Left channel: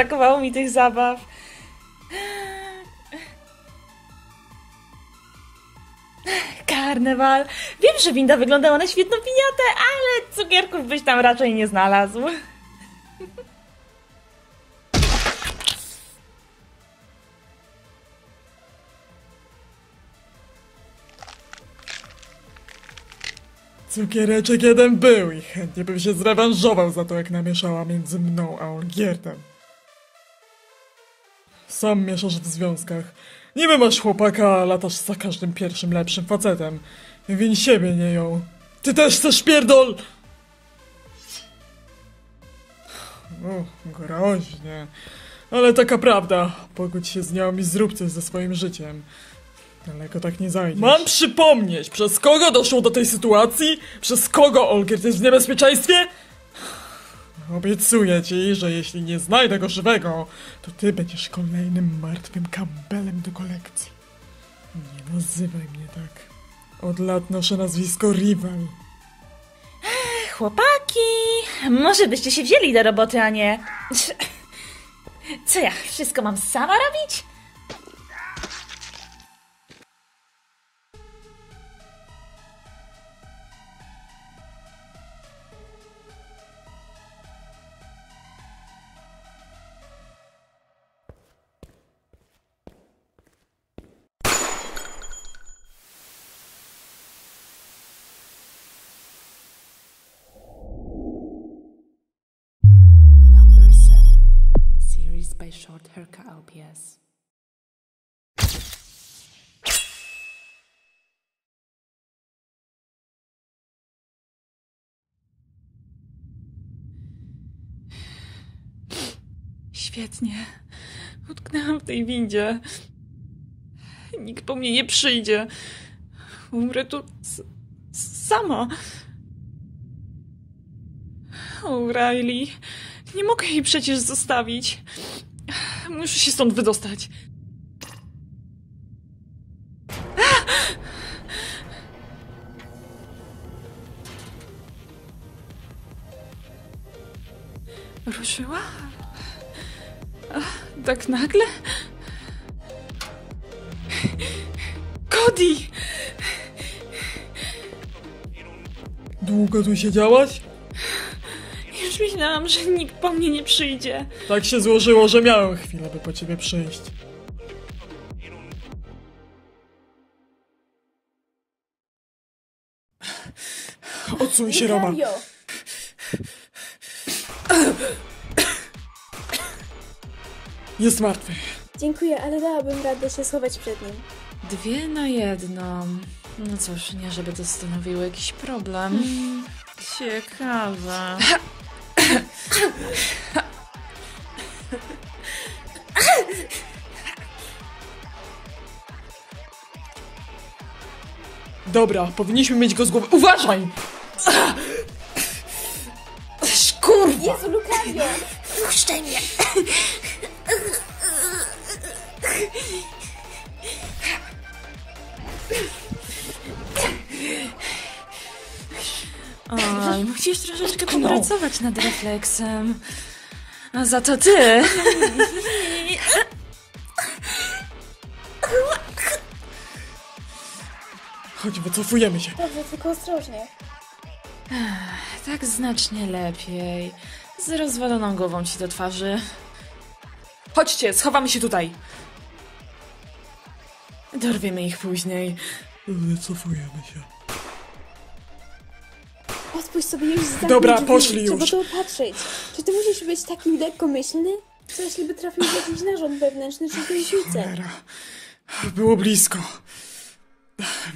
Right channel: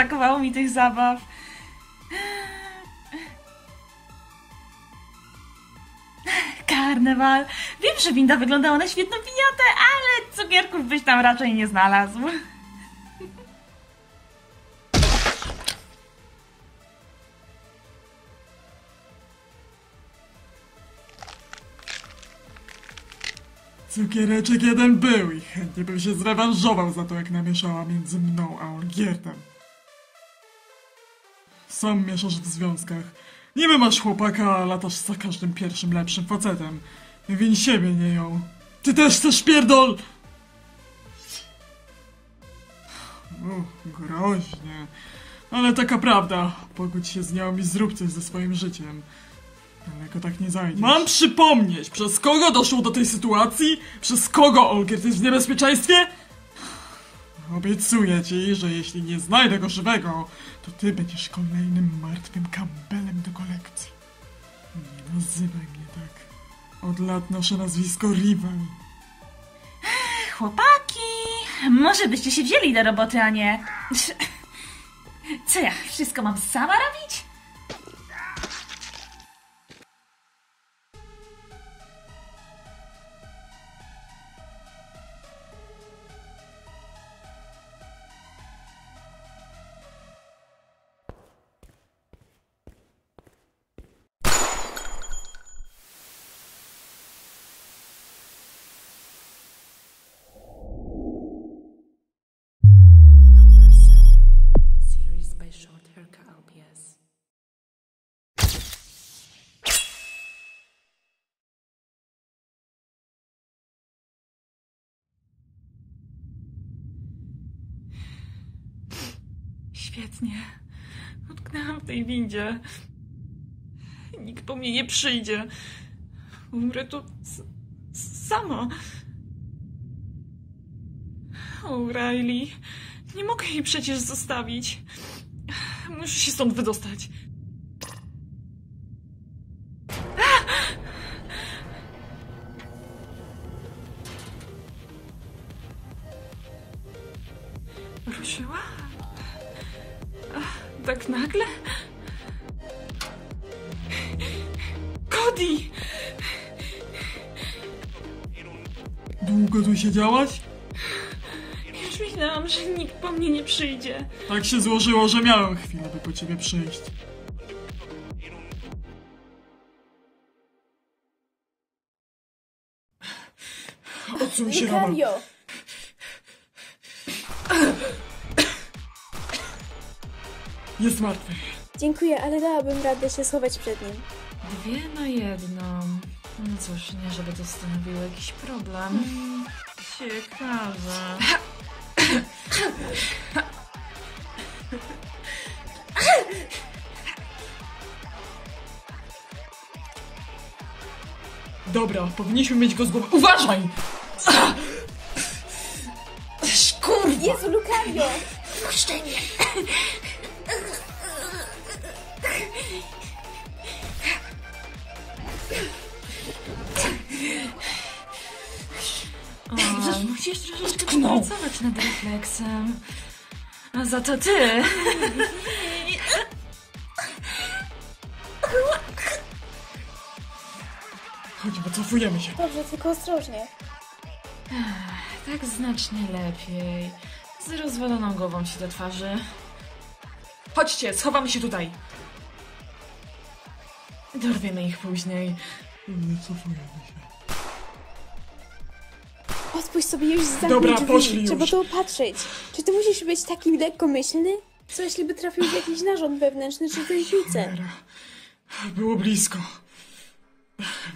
brakowało mi tych zabaw. Karnewal. Wiem, że winda wyglądała na świetną piniatę, ale cukierków byś tam raczej nie znalazł. Cukiereczek jeden był i chętnie bym się zrewanżował za to, jak namieszała między mną a Olgiertem. Sam mieszasz w związkach. Niby masz chłopaka, a latasz za każdym pierwszym lepszym facetem. Win siebie, nie ją. Ty też chcesz pierdol... groźnie. Ale taka prawda. Pogódź się z nią i zrób coś ze swoim życiem. Daleko tak nie zajdziesz. Mam przypomnieć, przez kogo doszło do tej sytuacji? Przez kogo Olgierd jest w niebezpieczeństwie? Obiecuję ci, że jeśli nie znajdę go żywego, to ty będziesz kolejnym martwym Campbellem do kolekcji. Nie nazywaj mnie tak. Od lat noszę nazwisko Rival. Chłopaki, może byście się wzięli do roboty, a nie... Co ja, wszystko mam sama robić? By Short Haircut LPS. Świetnie. Utknęłam w tej windzie. Nikt po mnie nie przyjdzie. Umrę tu sama. O'Reilly. Nie mogę jej przecież zostawić. Muszę się stąd wydostać. Ruszyła? Tak nagle? Cody! Długo tu siedziałaś? Już myślałam, że nikt po mnie nie przyjdzie. Tak się złożyło, że miałem chwilę, by po ciebie przyjść. Odsuń się, Roman. Jest martwy. Dziękuję, ale dałabym radę się schować przed nim. 2 na 1. No cóż, nie żeby to stanowiło jakiś problem. Ciekawe. Dobra, powinniśmy mieć go z głowy. Uważaj! Kurwa! Jezu, Lucario! Puszczaj mnie! Musisz troszeczkę popracować nad refleksem. A za to ty! Chodź, wycofujemy się. Dobrze, tylko ostrożnie. Tak znacznie lepiej. Z rozwaloną głową ci do twarzy. Chodźcie, schowamy się tutaj. Dorwiemy ich później. Wycofujemy się. Odpuść sobie już zamknij Dobra, drzwi. poszli Trzeba już. to opatrzyć. Czy ty musisz być taki lekkomyślny? Co jeśli by trafił w jakiś narząd wewnętrzny czy tętnicę? Było blisko.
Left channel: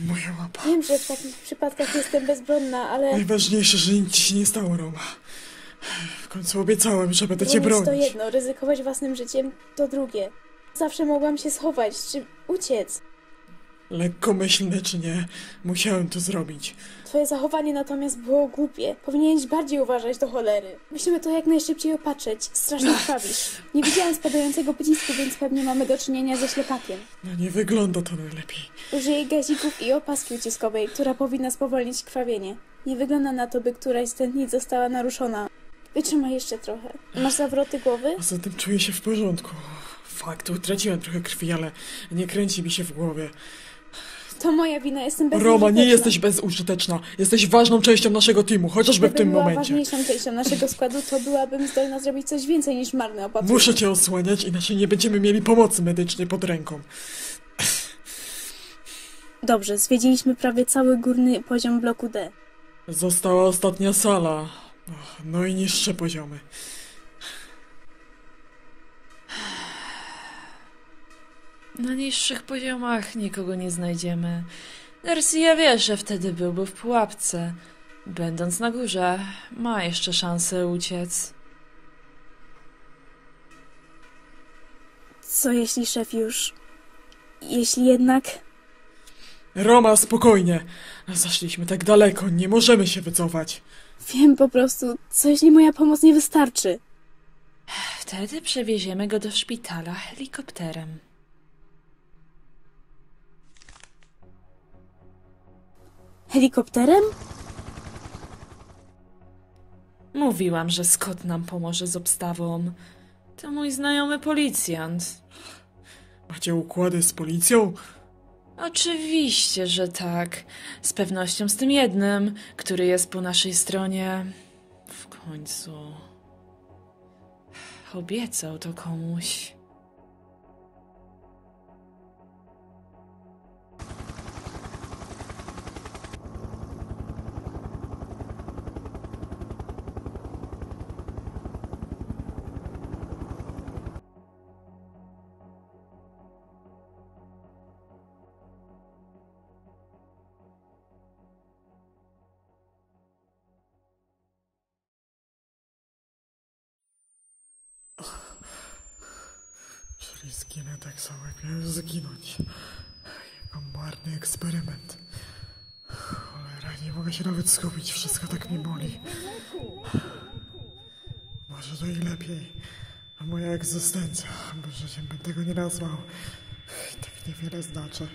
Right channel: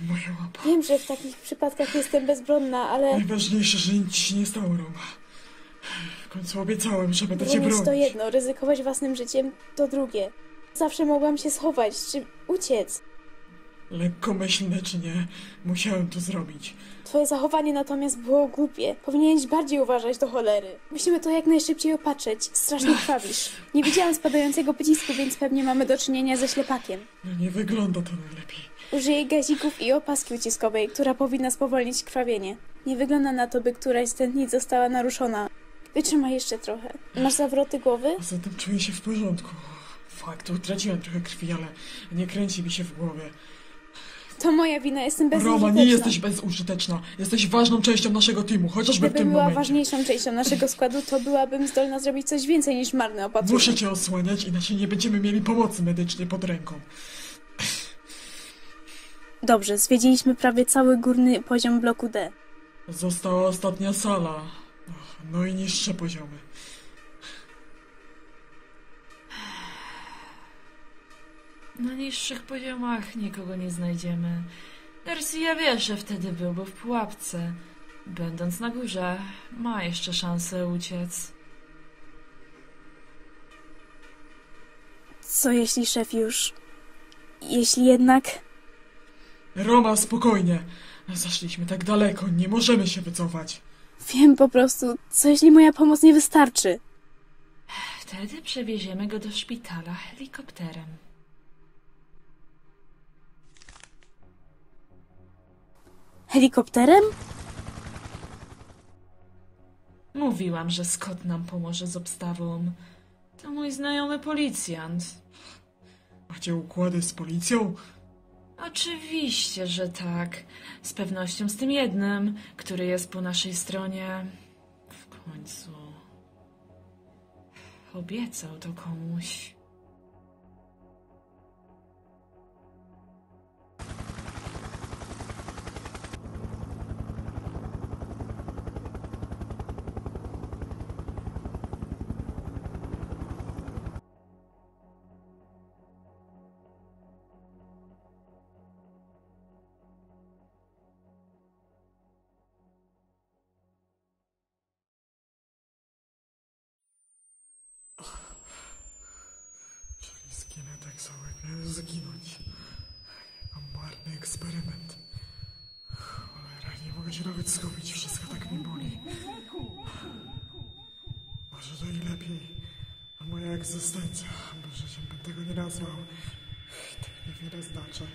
Moja łapa. Wiem, że w takich przypadkach jestem bezbronna, ale... Najważniejsze, że nic ci się nie stało, Roma. W końcu obiecałem, że będę cię Bronić bronić. to jedno, ryzykować własnym życiem to drugie. Zawsze mogłam się schować, czy uciec. Lekkomyślne czy nie, musiałem to zrobić. Twoje zachowanie natomiast było głupie. Powinieneś bardziej uważać do cholery. Musimy to jak najszybciej opatrzeć. Strasznie krwawisz. Nie widziałam spadającego pocisku, więc pewnie mamy do czynienia ze ślepakiem. No nie wygląda to najlepiej. Użyję gazików i opaski uciskowej, która powinna spowolnić krwawienie. Nie wygląda na to, by któraś z tętnic została naruszona. Wytrzymaj jeszcze trochę. Masz zawroty głowy? Poza tym czuję się w porządku. Fakt, utraciłem trochę krwi, ale nie kręci mi się w głowie. To moja wina, jestem bezużyteczna. Roma, nie jesteś bezużyteczna. Jesteś ważną częścią naszego teamu, chociażby w Gdyby tym była momencie. ważniejszą częścią naszego składu, to byłabym zdolna zrobić coś więcej niż marne opatrzenie. Muszę cię osłaniać, inaczej nie będziemy mieli pomocy medycznej pod ręką. Dobrze, zwiedziliśmy prawie cały górny poziom bloku D. Została ostatnia sala. No i niższe poziomy. Na niższych poziomach nikogo nie znajdziemy. Garcia wie, że wtedy byłby w pułapce. Będąc na górze, ma jeszcze szansę uciec. Co jeśli szef już... Jeśli jednak... Roma, spokojnie. Zaszliśmy tak daleko, nie możemy się wycofać. Wiem po prostu, co jeśli moja pomoc nie wystarczy? Wtedy przewieziemy go do szpitala helikopterem. Helikopterem? Mówiłam, że Scott nam pomoże z obstawą. To mój znajomy policjant. Macie układy z policją? Oczywiście, że tak. Z pewnością z tym jednym, który jest po naszej stronie. W końcu... obiecał to komuś. Czyli zginę tak samo, jak miałem zginąć. Jako marny eksperyment. Cholera, nie mogę się nawet skupić, wszystko tak mi boli. Może to i lepiej. A moja egzystencja, bo życiem bym tego nie nazwał. I tak niewiele znaczy.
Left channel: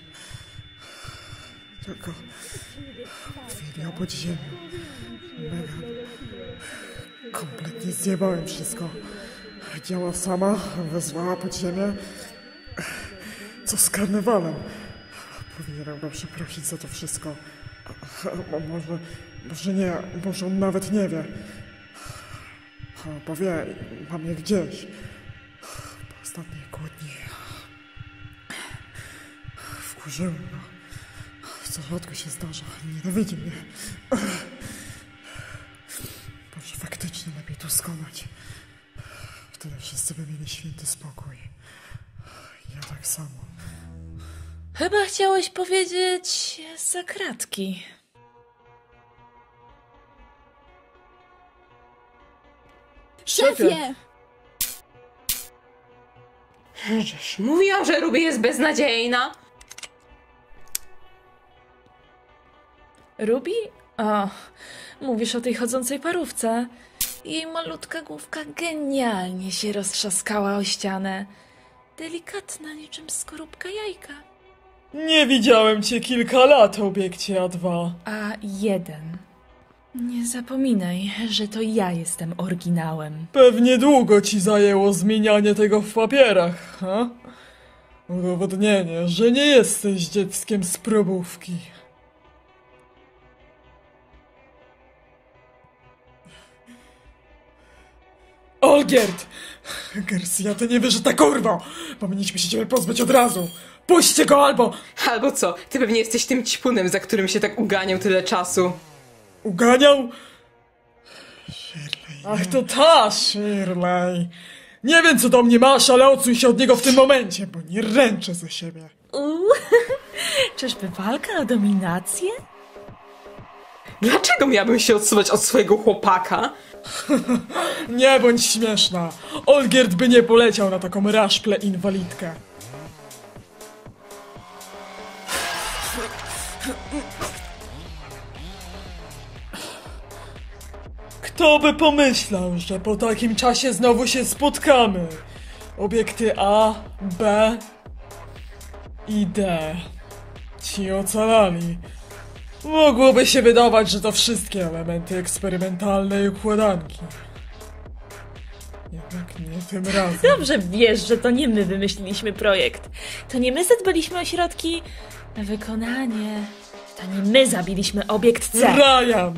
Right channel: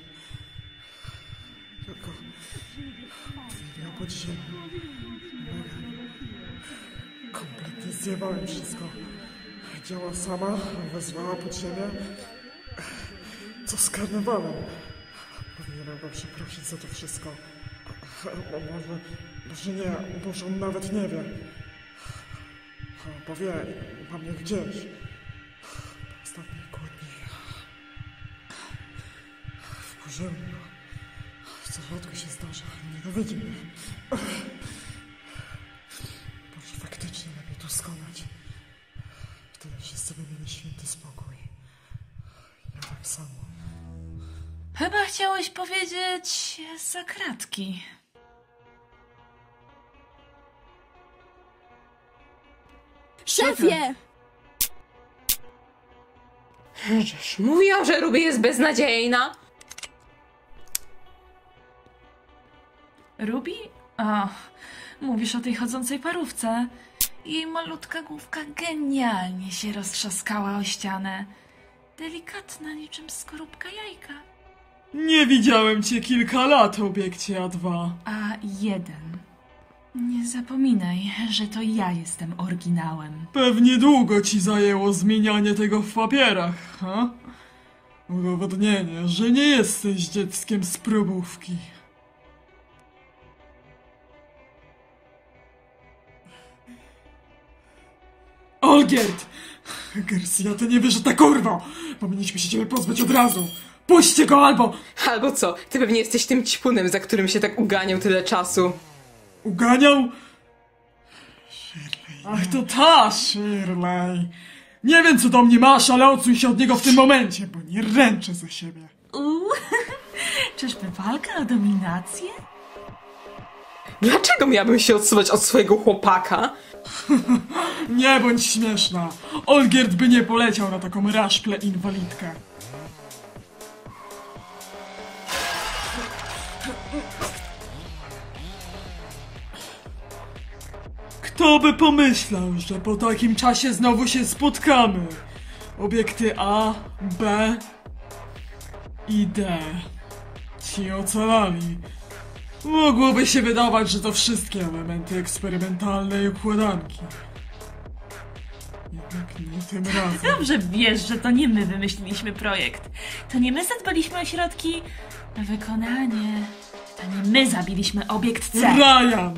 Tylko chwilę podziemia. Kompletnie zjebałem wszystko. Działa sama, wezwała podziemie. Co z karnawalem? Powinienem go przeprosić za to wszystko. Może nie, może on nawet nie wie. Bo wie, mam je gdzieś. Po ostatniej kłótni. Wkurzyłem go. Co rzadko się zdarza. Nienawidzi mnie. Może faktycznie lepiej to skonać. Wtedy wszyscy by mieli święty spokój. Ja tak samo. Chyba chciałeś powiedzieć za kratki. Szefie! Żeż mówiłam, że Ruby jest beznadziejna. Ruby? O, mówisz o tej chodzącej parówce. Jej malutka główka genialnie się roztrzaskała o ścianę. Delikatna niczym skorupka jajka. Nie widziałem cię kilka lat, obiekcie A2. A1. Nie zapominaj, że to ja jestem oryginałem. Pewnie długo ci zajęło zmienianie tego w papierach, ha? Udowodnienie, że nie jesteś dzieckiem z probówki. Olgierd! Garcia, ty nie wiesz, że ta kurwa! Powinniśmy się ciebie pozbyć od razu! Puśćcie go albo... Albo co? Ty pewnie jesteś tym ćpunem, za którym się tak uganiał tyle czasu. Uganiał? Shirley. Ach, to ta Shirley. Nie wiem, co do mnie masz, ale odsuń się od niego w tym momencie, bo nie ręczę ze siebie. Czyżby walka o dominację? Dlaczego miałabym się odsuwać od swojego chłopaka? Nie bądź śmieszna. Olgierd by nie poleciał na taką raszplę inwalidkę. Kto by pomyślał, że po takim czasie znowu się spotkamy? Obiekty A, B i D. Ci ocalali. Mogłoby się wydawać, że to wszystkie elementy eksperymentalnej układanki. Tak, nie tym razem. Dobrze wiesz, że to nie my wymyśliliśmy projekt. To nie my zadbaliśmy o środki na wykonanie. To nie my zabiliśmy obiekt C. Ryan!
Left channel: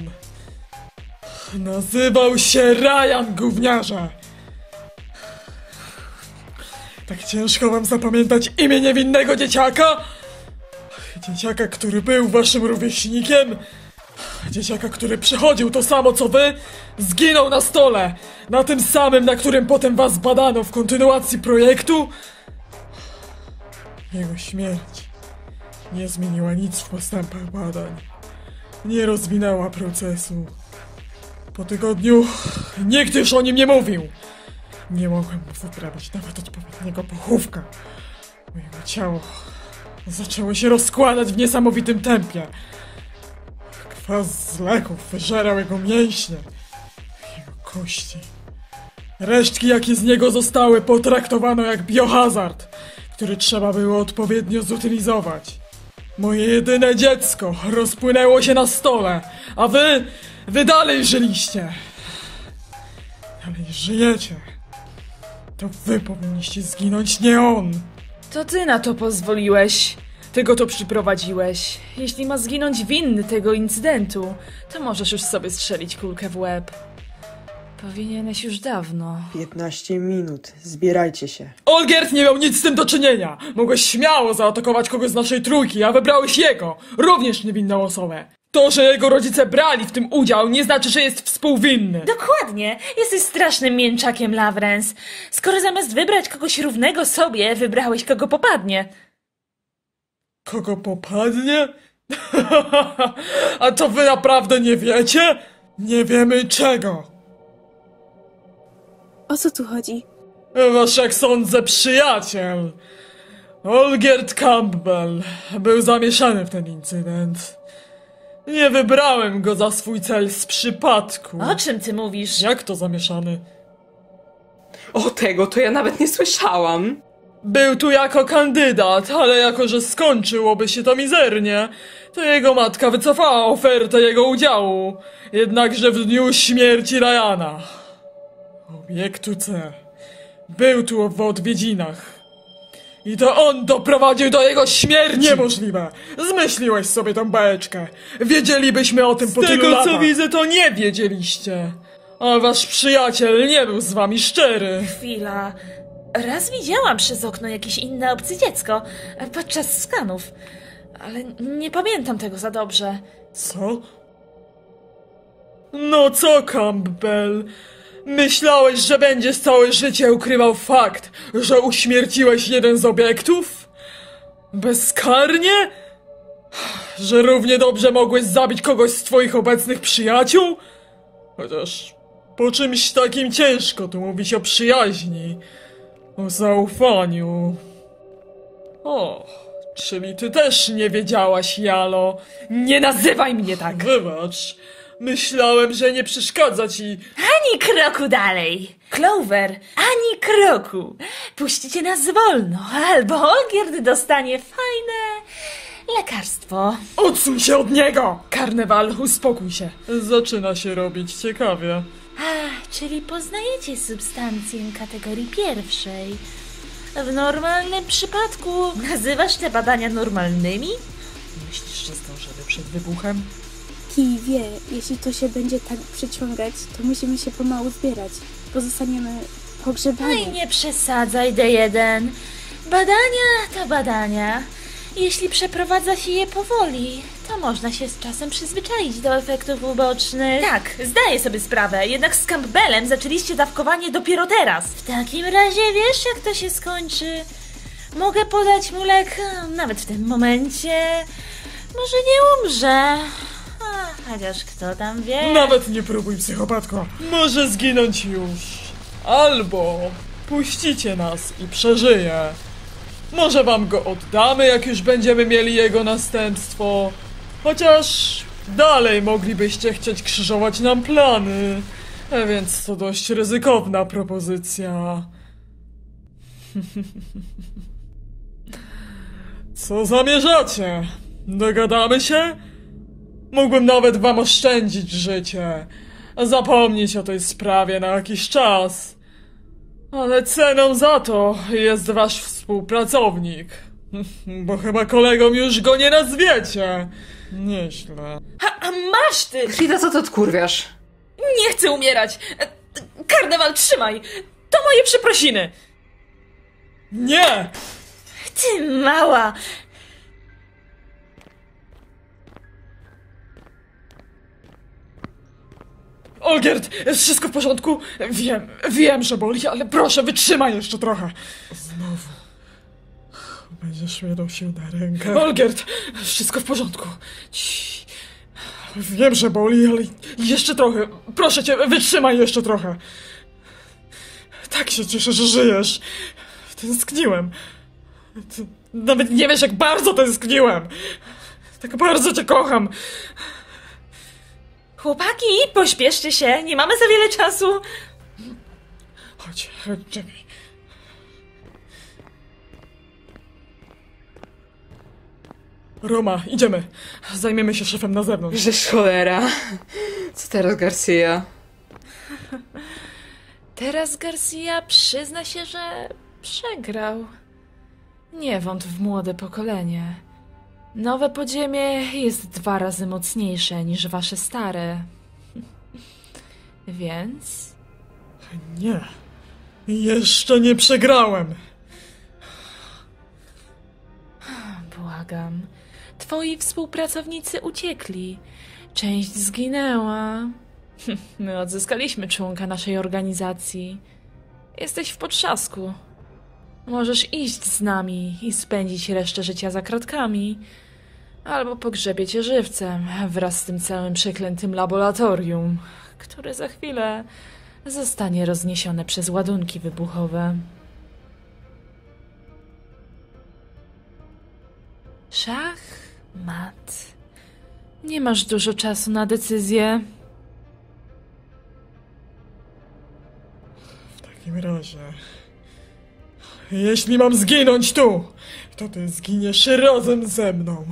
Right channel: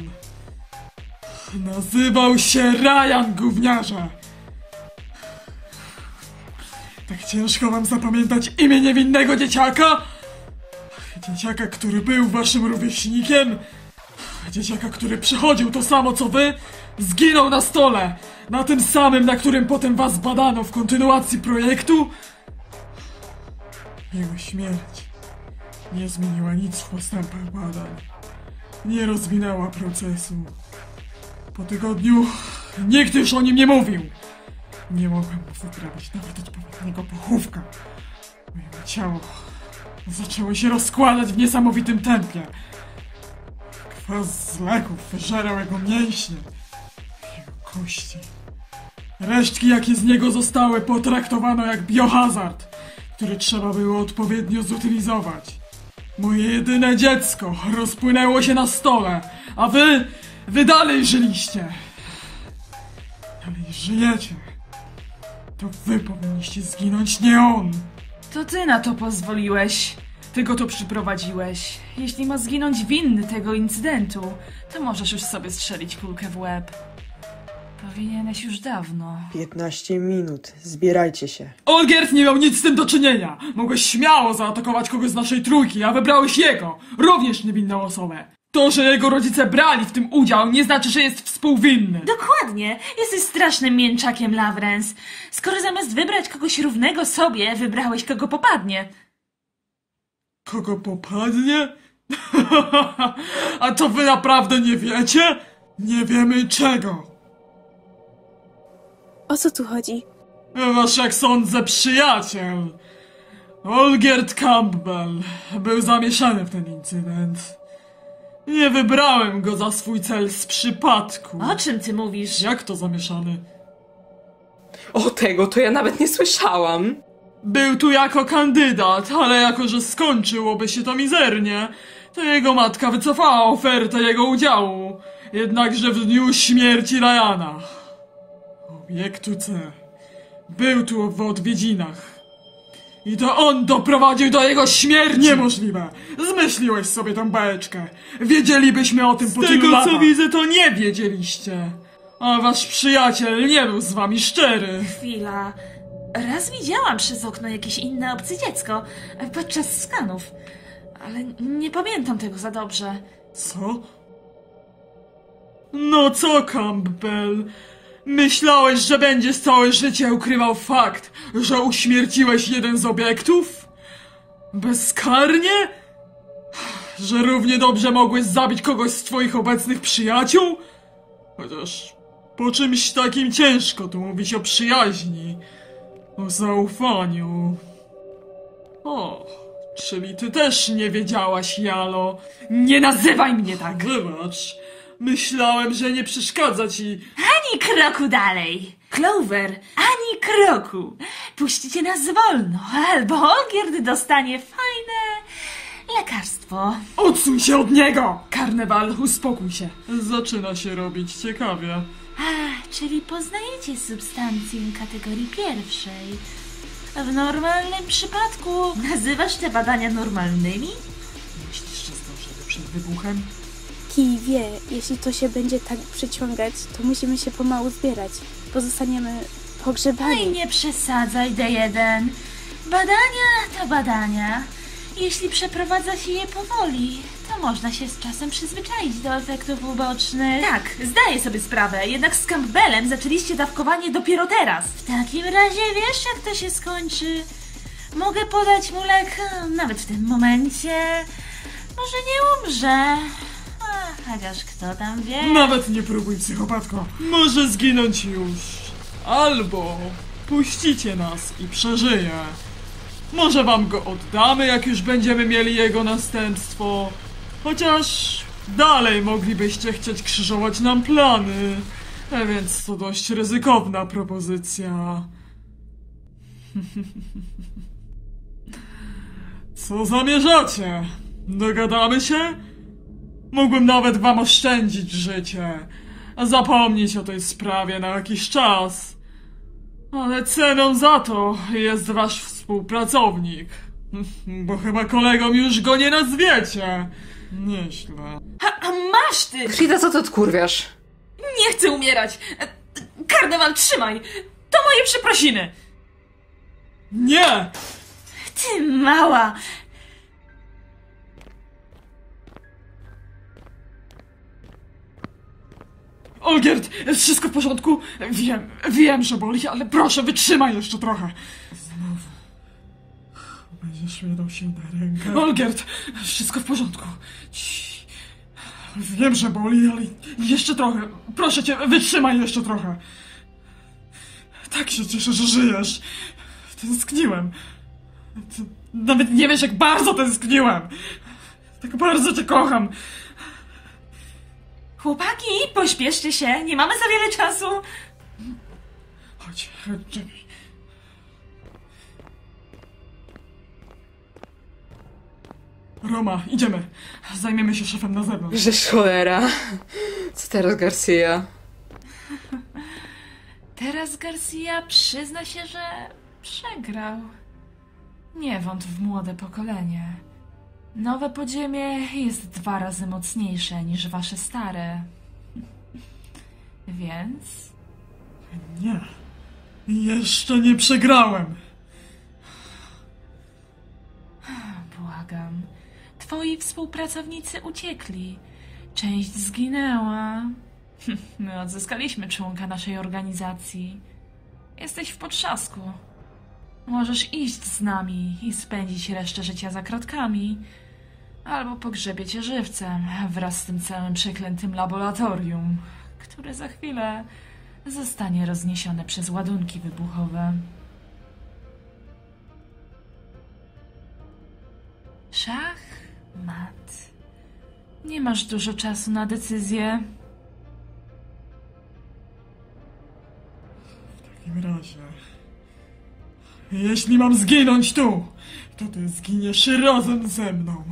Nazywał się Ryan, gówniarze! Tak ciężko wam zapamiętać imię niewinnego dzieciaka? Dzieciaka, który był waszym rówieśnikiem? Dzieciaka, który przychodził to samo co wy? Zginął na stole! Na tym samym, na którym potem was badano w kontynuacji projektu? Jego śmierć nie zmieniła nic w postępach badań. Nie rozwinęła procesu. Po tygodniu nikt już o nim nie mówił. Nie mogłem mu wyprawić nawet odpowiedniego pochówka. Jego ciało zaczęło się rozkładać w niesamowitym tempie. Kwas z leków wyżerał jego mięśnie, jego kości. Resztki, jakie z niego zostały, potraktowano jak biohazard, który trzeba było odpowiednio zutylizować. Moje jedyne dziecko rozpłynęło się na stole, a wy dalej żyliście. Dalej żyjecie. To wy powinniście zginąć, nie on. To ty na to pozwoliłeś. Ty go to przyprowadziłeś. Jeśli ma zginąć winny tego incydentu, to możesz już sobie strzelić kulkę w łeb. Powinieneś już dawno. 15 minut. Zbierajcie się. Olgierd nie miał nic z tym do czynienia. Mogłeś śmiało zaatakować kogoś z naszej trójki, a wybrałeś jego, również niewinną osobę. To, że jego rodzice brali w tym udział, nie znaczy, że jest współwinny. Dokładnie. Jesteś strasznym mięczakiem, Lawrence. Skoro zamiast wybrać kogoś równego sobie, wybrałeś kogo popadnie. Kogo popadnie? A to wy naprawdę nie wiecie? Nie wiemy czego. O co tu chodzi? Wasz, jak sądzę, przyjaciel, Olgierd Campbell, był zamieszany w ten incydent. Nie wybrałem go za swój cel z przypadku. O czym ty mówisz? Jak to zamieszany? O tego to ja nawet nie słyszałam. Był tu jako kandydat, ale jako że skończyłoby się to mizernie, to jego matka wycofała ofertę jego udziału. Jednakże w dniu śmierci Ryana, obiektu C, był tu w odwiedzinach. I to on doprowadził do jego śmierci! Niemożliwe! Zmyśliłeś sobie tą bajeczkę. Wiedzielibyśmy o tym po tylu latach. Z tego co widzę, to nie wiedzieliście. A wasz przyjaciel nie był z wami szczery. Chwila. Raz widziałam przez okno jakieś inne obce dziecko podczas skanów, ale nie pamiętam tego za dobrze. Co? No co, Campbell? Myślałeś, że będziesz całe życie ukrywał fakt, że uśmierciłeś jeden z obiektów? Bezkarnie? Że równie dobrze mogłeś zabić kogoś z twoich obecnych przyjaciół? Chociaż po czymś takim ciężko tu mówić o przyjaźni, o zaufaniu. O, czyli ty też nie wiedziałaś, Jalo. Nie nazywaj mnie tak! Wybacz. Myślałem, że nie przeszkadza ci. Ani kroku dalej! Clover, ani kroku! Puścicie nas wolno, albo Olgierd dostanie fajne lekarstwo. Odsuń się od niego! Karnewal, uspokój się. Zaczyna się robić ciekawie. Czyli poznajecie substancję kategorii pierwszej. W normalnym przypadku nazywasz te badania normalnymi? Myślisz, że zdążymy przed wybuchem? Kij wie, jeśli to się będzie tak przyciągać, to musimy się pomału zbierać. Pozostaniemy pogrzebani. Oj, nie przesadzaj, D1. Badania to badania. Jeśli przeprowadza się je powoli, to można się z czasem przyzwyczaić do efektów ubocznych. Tak, zdaję sobie sprawę, jednak z Campbellem zaczęliście dawkowanie dopiero teraz. W takim razie wiesz, jak to się skończy. Mogę podać mu lek nawet w tym momencie. Może nie umrze. Chociaż kto tam wie. Nawet nie próbuj, psychopatko. Może zginąć już. Albo puścicie nas i przeżyje. Może wam go oddamy, jak już będziemy mieli jego następstwo. Chociaż dalej moglibyście chcieć krzyżować nam plany. A więc to dość ryzykowna propozycja. Co zamierzacie? Dogadamy się? Mógłbym nawet wam oszczędzić życie. Zapomnieć o tej sprawie na jakiś czas. Ale ceną za to jest wasz współpracownik. Bo chyba kolegom już go nie nazwiecie. Nieźle. A masz ty! Frida, co ty odkurwiasz? Nie chcę umierać! Karneval, trzymaj! To moje przeprosiny! Nie! Ty mała! Olgierd, wszystko w porządku? Wiem, że boli, ale proszę, wytrzymaj jeszcze trochę. Znowu. Będziesz mnie nosił na rękę. Olgierd, wszystko w porządku. Wiem, że boli, ale jeszcze trochę. Proszę cię, wytrzymaj jeszcze trochę. Tak się cieszę, że żyjesz. Tęskniłem. Ty nawet nie wiesz, jak bardzo tęskniłem. Tak bardzo cię kocham. Chłopaki, pośpieszcie się, nie mamy za wiele czasu. Chodź, czekaj. Roma, idziemy. Zajmiemy się szefem na zewnątrz. Żeż cholera. Co teraz, Garcia? Teraz Garcia przyzna się, że przegrał. Nie wątp w młode pokolenie. Nowe podziemie jest 2 razy mocniejsze niż wasze stare. Więc... Nie. Jeszcze nie przegrałem. Błagam. Twoi współpracownicy uciekli. Część zginęła. My odzyskaliśmy członka naszej organizacji. Jesteś w potrzasku. Możesz iść z nami i spędzić resztę życia za kratkami. Albo pogrzebie cię żywcem wraz z tym całym przeklętym laboratorium, które za chwilę zostanie rozniesione przez ładunki wybuchowe. Szach, mat. Nie masz dużo czasu na decyzję. W takim razie... Jeśli mam zginąć tu, to ty zginiesz razem ze mną.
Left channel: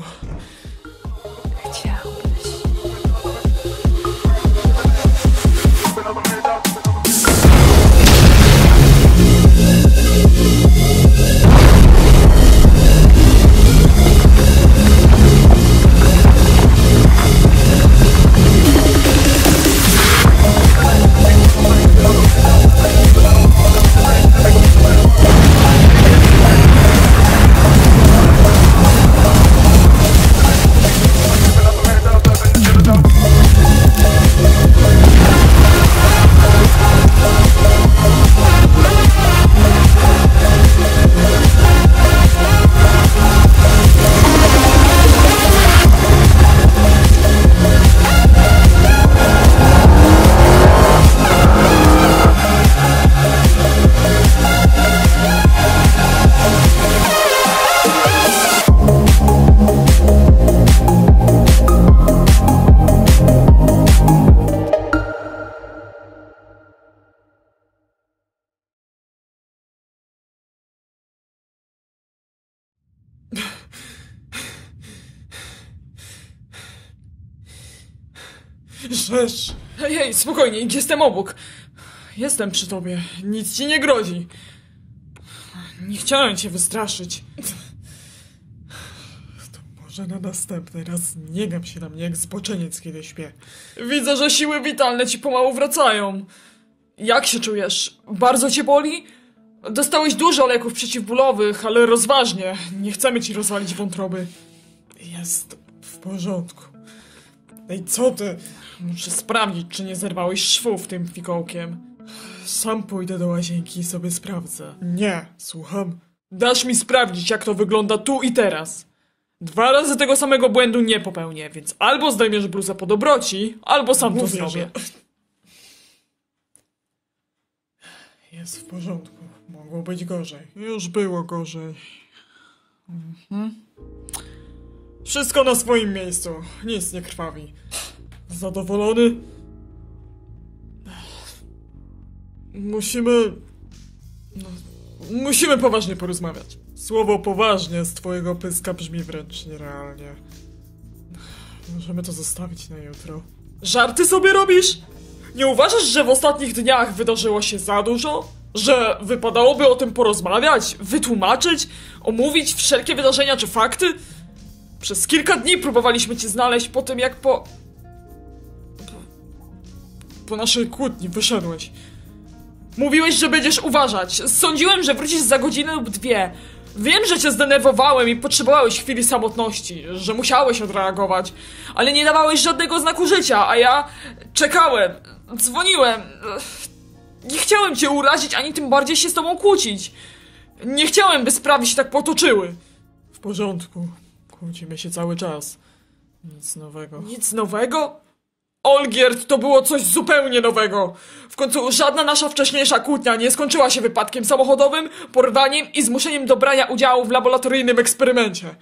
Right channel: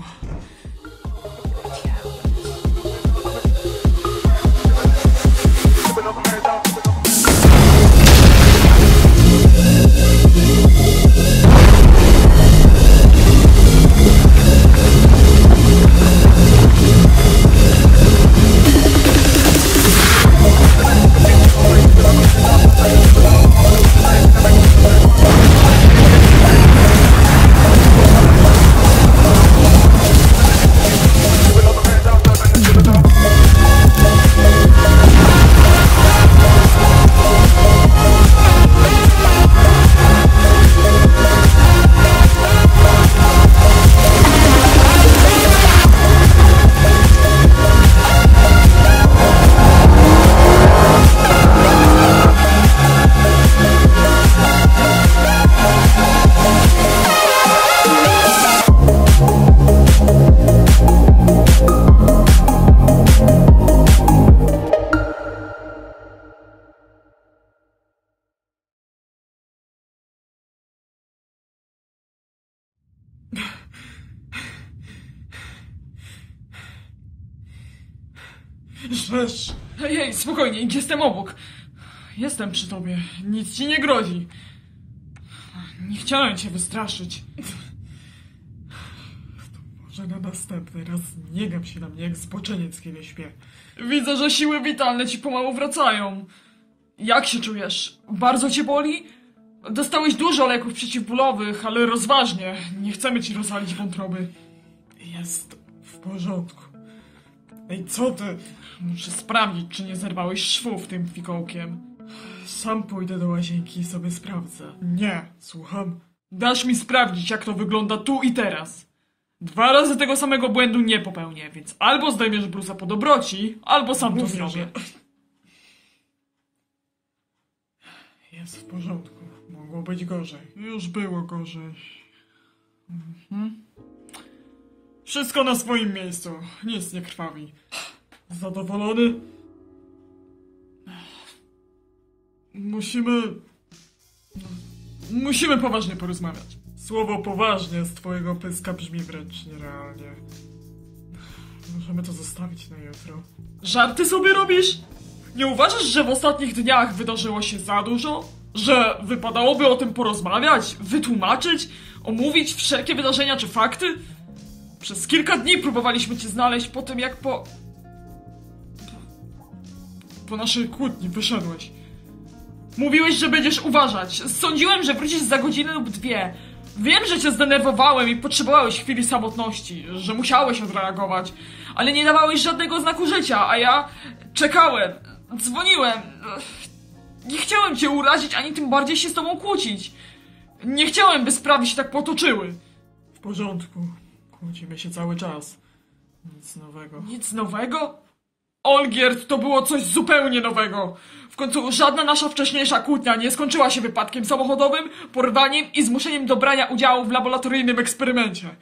Rzecz. Hej, spokojnie, jestem obok. Jestem przy tobie. Nic ci nie grozi. Nie chciałem cię wystraszyć. To może na następny raz nie gap się na mnie jak zboczeniec, kiedy śpię. Widzę, że siły witalne ci pomału wracają. Jak się czujesz? Bardzo cię boli? Dostałeś dużo leków przeciwbólowych, ale rozważnie. Nie chcemy ci rozwalić wątroby. Jest w porządku. Ej, co ty? Muszę sprawdzić, czy nie zerwałeś szwów tym fikołkiem. Sam pójdę do łazienki i sobie sprawdzę. Nie, słucham. Dasz mi sprawdzić, jak to wygląda tu i teraz. 2 razy tego samego błędu nie popełnię, więc albo zdejmiesz bluzę po dobroci, albo sam to zrobię. Jest w porządku. Mogło być gorzej. Już było gorzej. Wszystko na swoim miejscu. Nic nie krwawi. Zadowolony? Musimy poważnie porozmawiać. Słowo poważnie z twojego pyska brzmi wręcz nierealnie. Możemy to zostawić na jutro. Żarty sobie robisz? Nie uważasz, że w ostatnich dniach wydarzyło się za dużo? Że wypadałoby o tym porozmawiać, wytłumaczyć, omówić wszelkie wydarzenia czy fakty? Przez kilka dni próbowaliśmy cię znaleźć po tym, jak po naszej kłótni wyszedłeś. Mówiłeś, że będziesz uważać. Sądziłem, że wrócisz za godzinę lub dwie. Wiem, że cię zdenerwowałem i potrzebowałeś chwili samotności, że musiałeś odreagować, ale nie dawałeś żadnego znaku życia, a ja czekałem, dzwoniłem. Nie chciałem cię urazić, ani tym bardziej się z tobą kłócić. Nie chciałem, by sprawy się tak potoczyły. W porządku. Kłócimy się cały czas. Nic nowego. Nic nowego? Olgierd, to było coś zupełnie nowego. W końcu żadna nasza wcześniejsza kłótnia nie skończyła się wypadkiem samochodowym, porwaniem i zmuszeniem do brania udziału w laboratoryjnym eksperymencie.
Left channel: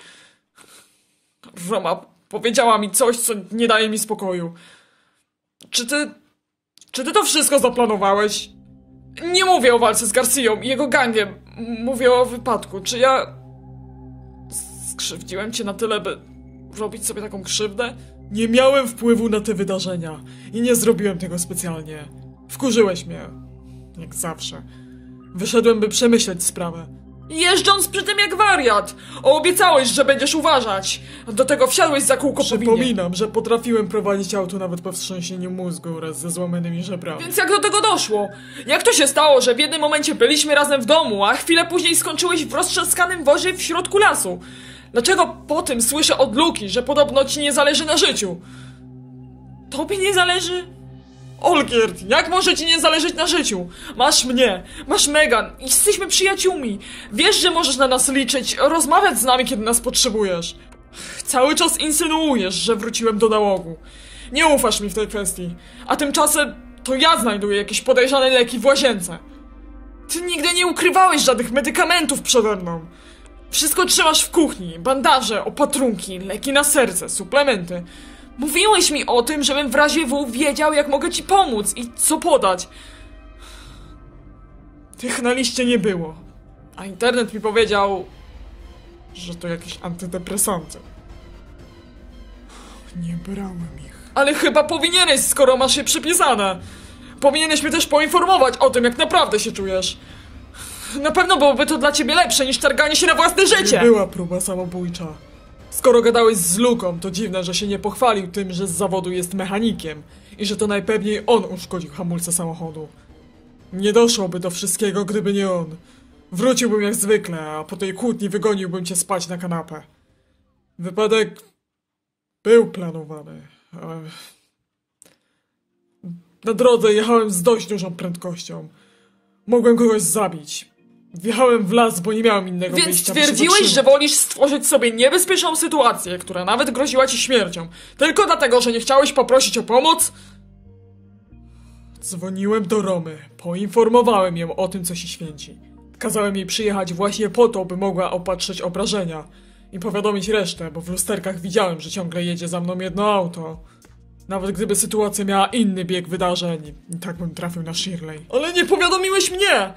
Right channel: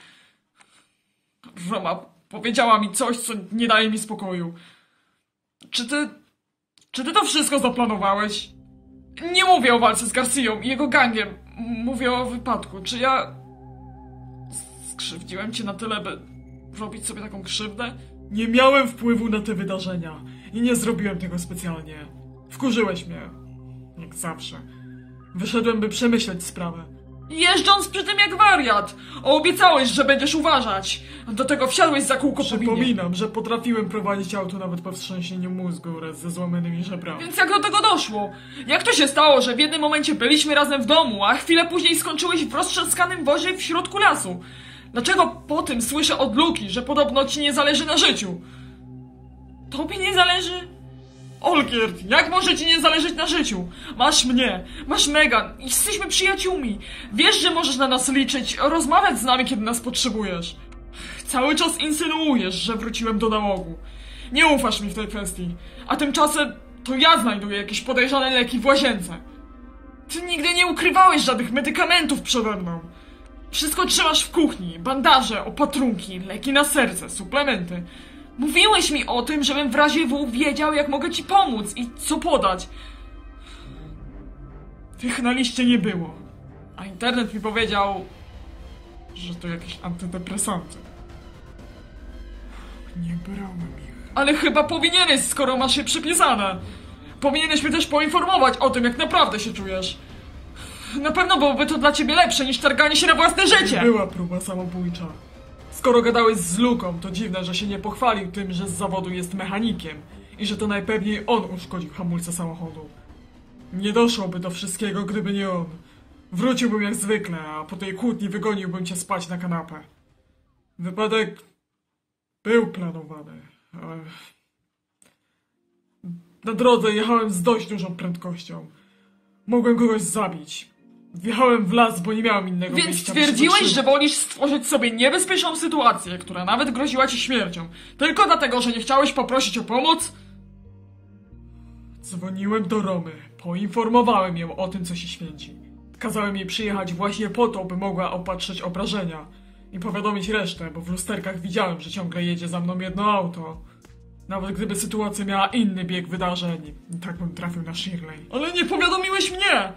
Roma powiedziała mi coś, co nie daje mi spokoju. Czy ty to wszystko zaplanowałeś? Nie mówię o walce z Garcją i jego gangiem. Mówię o wypadku. Czy ja skrzywdziłem cię na tyle, by robić sobie taką krzywdę? Nie miałem wpływu na te wydarzenia i nie zrobiłem tego specjalnie. Wkurzyłeś mnie. Jak zawsze. Wyszedłem, by przemyśleć sprawę. Jeżdżąc przy tym jak wariat! Obiecałeś, że będziesz uważać! Do tego wsiadłeś za kółko po winie. Przypominam, że potrafiłem prowadzić auto nawet po wstrząsieniu mózgu wraz ze złamanymi żebrami. Więc jak do tego doszło? Jak to się stało, że w jednym momencie byliśmy razem w domu, a chwilę później skończyłeś w roztrzaskanym wozie w środku lasu? Dlaczego po tym słyszę od Luki, że podobno ci nie zależy na życiu? Tobie nie zależy? Olgierd, jak może ci nie zależeć na życiu? Masz mnie, masz Megan, jesteśmy przyjaciółmi. Wiesz, że możesz na nas liczyć, rozmawiać z nami, kiedy nas potrzebujesz. Cały czas insynuujesz, że wróciłem do nałogu. Nie ufasz mi w tej kwestii. A tymczasem to ja znajduję jakieś podejrzane leki w łazience. Ty nigdy nie ukrywałeś żadnych medykamentów przede mną. Wszystko trzymasz w kuchni, bandaże, opatrunki, leki na serce, suplementy. Mówiłeś mi o tym, żebym w razie W wiedział, jak mogę ci pomóc i co podać. Tych na liście nie było. A internet mi powiedział, że to jakieś antydepresanty. Nie brałem ich. Ale chyba powinieneś, skoro masz je przypisane. Powinieneś mnie też poinformować o tym, jak naprawdę się czujesz. Na pewno byłoby to dla ciebie lepsze niż targanie się na własne życie. Była próba samobójcza. Skoro gadałeś z Luką, to dziwne, że się nie pochwalił tym, że z zawodu jest mechanikiem i że to najpewniej on uszkodził hamulce samochodu. Nie doszłoby do wszystkiego, gdyby nie on. Wróciłbym jak zwykle, a po tej kłótni wygoniłbym cię spać na kanapę. Wypadek był planowany, ale na drodze jechałem z dość dużą prędkością. Mogłem kogoś zabić. Wjechałem w las, bo nie miałem innego wyjścia. Więc twierdziłeś, że wolisz stworzyć sobie niebezpieczną sytuację, która nawet groziła ci śmiercią, tylko dlatego, że nie chciałeś poprosić o pomoc? Dzwoniłem do Romy, poinformowałem ją o tym, co się święci. Kazałem jej przyjechać właśnie po to, by mogła opatrzyć obrażenia i powiadomić resztę, bo w lusterkach widziałem, że ciągle jedzie za mną jedno auto. Nawet gdyby sytuacja miała inny bieg wydarzeń, i tak bym trafił na Shirley. Ale nie powiadomiłeś mnie!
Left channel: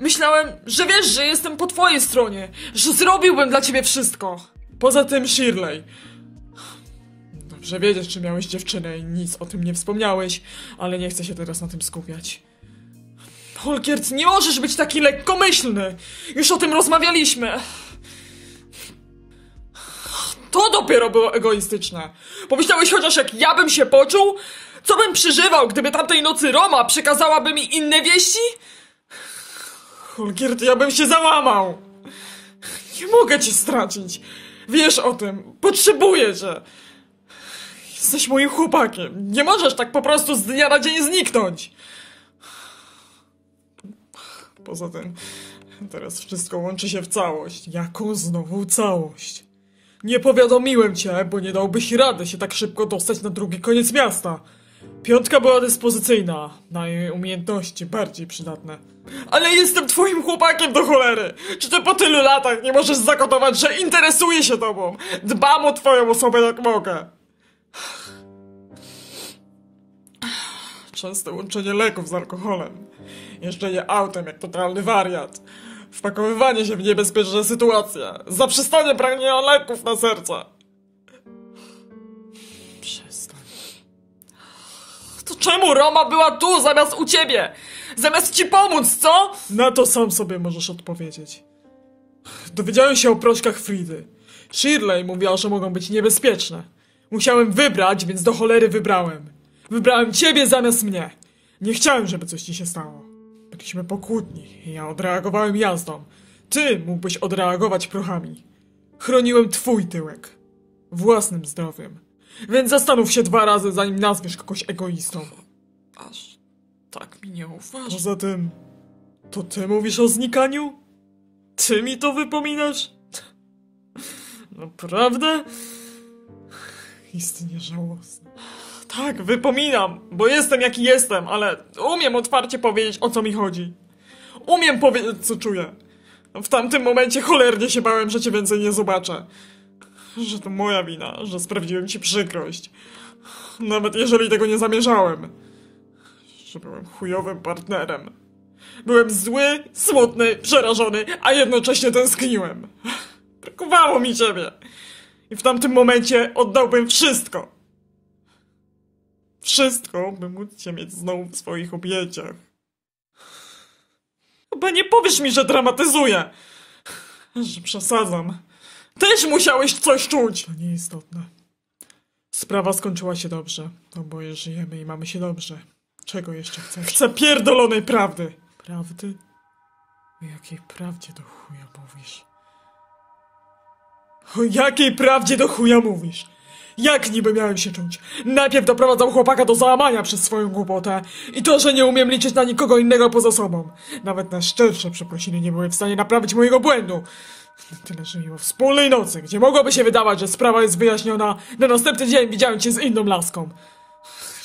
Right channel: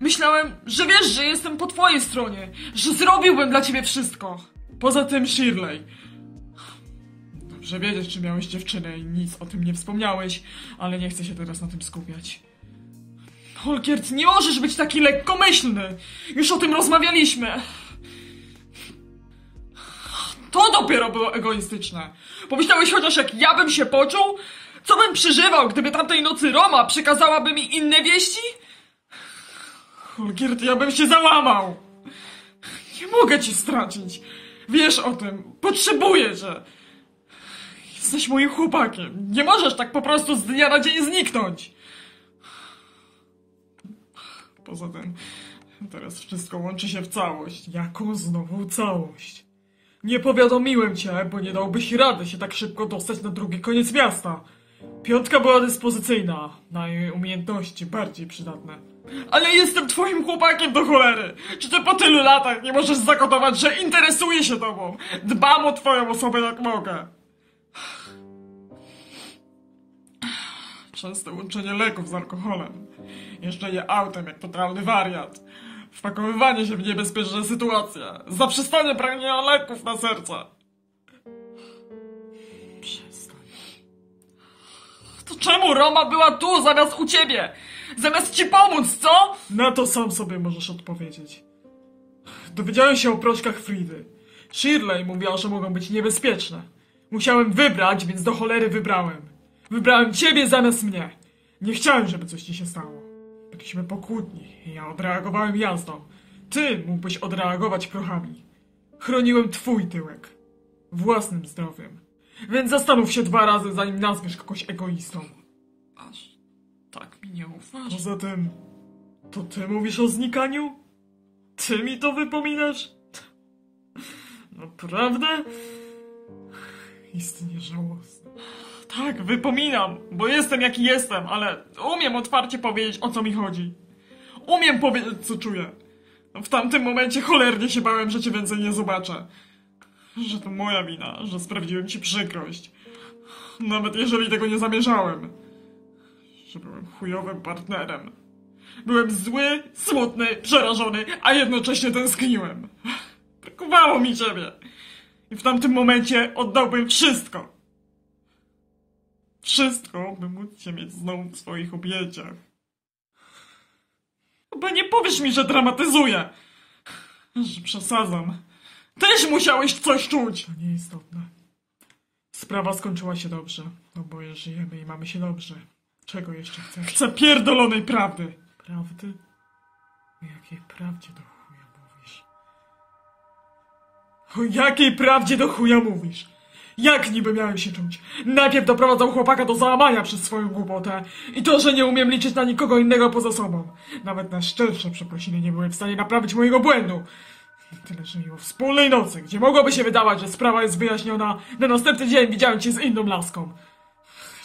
Myślałem, że wiesz, że jestem po twojej stronie, że zrobiłbym dla ciebie wszystko. Poza tym Shirley. Dobrze wiedziesz, czy miałeś dziewczynę i nic o tym nie wspomniałeś, ale nie chcę się teraz na tym skupiać. Olgierd, nie możesz być taki lekkomyślny! Już o tym rozmawialiśmy. To dopiero było egoistyczne. Pomyślałeś chociaż, jak ja bym się poczuł? Co bym przeżywał, gdyby tamtej nocy Roma przekazałaby mi inne wieści? Olgierd, ja bym się załamał. Nie mogę cię stracić. Wiesz o tym. Potrzebuję cię. Jesteś moim chłopakiem. Nie możesz tak po prostu z dnia na dzień zniknąć. Poza tym, teraz wszystko łączy się w całość. Jaką znowu całość? Nie powiadomiłem cię, bo nie dałbyś rady się tak szybko dostać na drugi koniec miasta. Piątka była dyspozycyjna, na jej umiejętności bardziej przydatne. Ale jestem twoim chłopakiem do cholery! Czy ty po tylu latach nie możesz zakodować, że interesuję się tobą? Dbam o twoją osobę jak mogę. Częste łączenie leków z alkoholem. Jeżdżenie autem jak totalny wariat. Wpakowywanie się w niebezpieczne sytuacje. Zaprzestanie pragnienia leków na serce. Przestań. To czemu Roma była tu zamiast u ciebie? Zamiast ci pomóc, co? Na to sam sobie możesz odpowiedzieć. Dowiedziałem się o proszkach Fridy. Shirley mówiła, że mogą być niebezpieczne. Musiałem wybrać, więc do cholery wybrałem. Wybrałem ciebie zamiast mnie. Nie chciałem, żeby coś ci się stało. Byliśmy po kłótni i ja odreagowałem jazdą. Ty mógłbyś odreagować prochami. Chroniłem twój tyłek. Własnym zdrowiem. Więc zastanów się 2 razy, zanim nazwiesz kogoś egoistą. Aż tak mi nie ufasz. Poza tym, to ty mówisz o znikaniu? Ty mi to wypominasz? Naprawdę? Istnie żałosne. Tak, wypominam, bo jestem jaki jestem, ale umiem otwarcie powiedzieć, o co mi chodzi. Umiem powiedzieć, co czuję. W tamtym momencie cholernie się bałem, że cię więcej nie zobaczę. Że to moja wina, że sprawiłem ci przykrość. Nawet jeżeli tego nie zamierzałem. Że byłem chujowym partnerem. Byłem zły, smutny, przerażony, a jednocześnie tęskniłem. Brakowało mi ciebie. I w tamtym momencie oddałbym wszystko. Wszystko, by móc cię mieć znowu w swoich objęciach. Chyba nie powiesz mi, że dramatyzuję. Że przesadzam. Też musiałeś coś czuć. To nieistotne. Sprawa skończyła się dobrze. Oboje żyjemy i mamy się dobrze. Czego jeszcze chcesz? Chcę pierdolonej prawdy. Prawdy? O jakiej prawdzie do chuja mówisz? O jakiej prawdzie do chuja mówisz? Jak niby miałem się czuć? Najpierw doprowadzał chłopaka do załamania przez swoją głupotę i to, że nie umiem liczyć na nikogo innego poza sobą. Nawet na szczersze przeprosiny nie były w stanie naprawić mojego błędu. Tyle, że i o wspólnej nocy, gdzie mogłoby się wydawać, że sprawa jest wyjaśniona, na następny dzień widziałem cię z inną laską.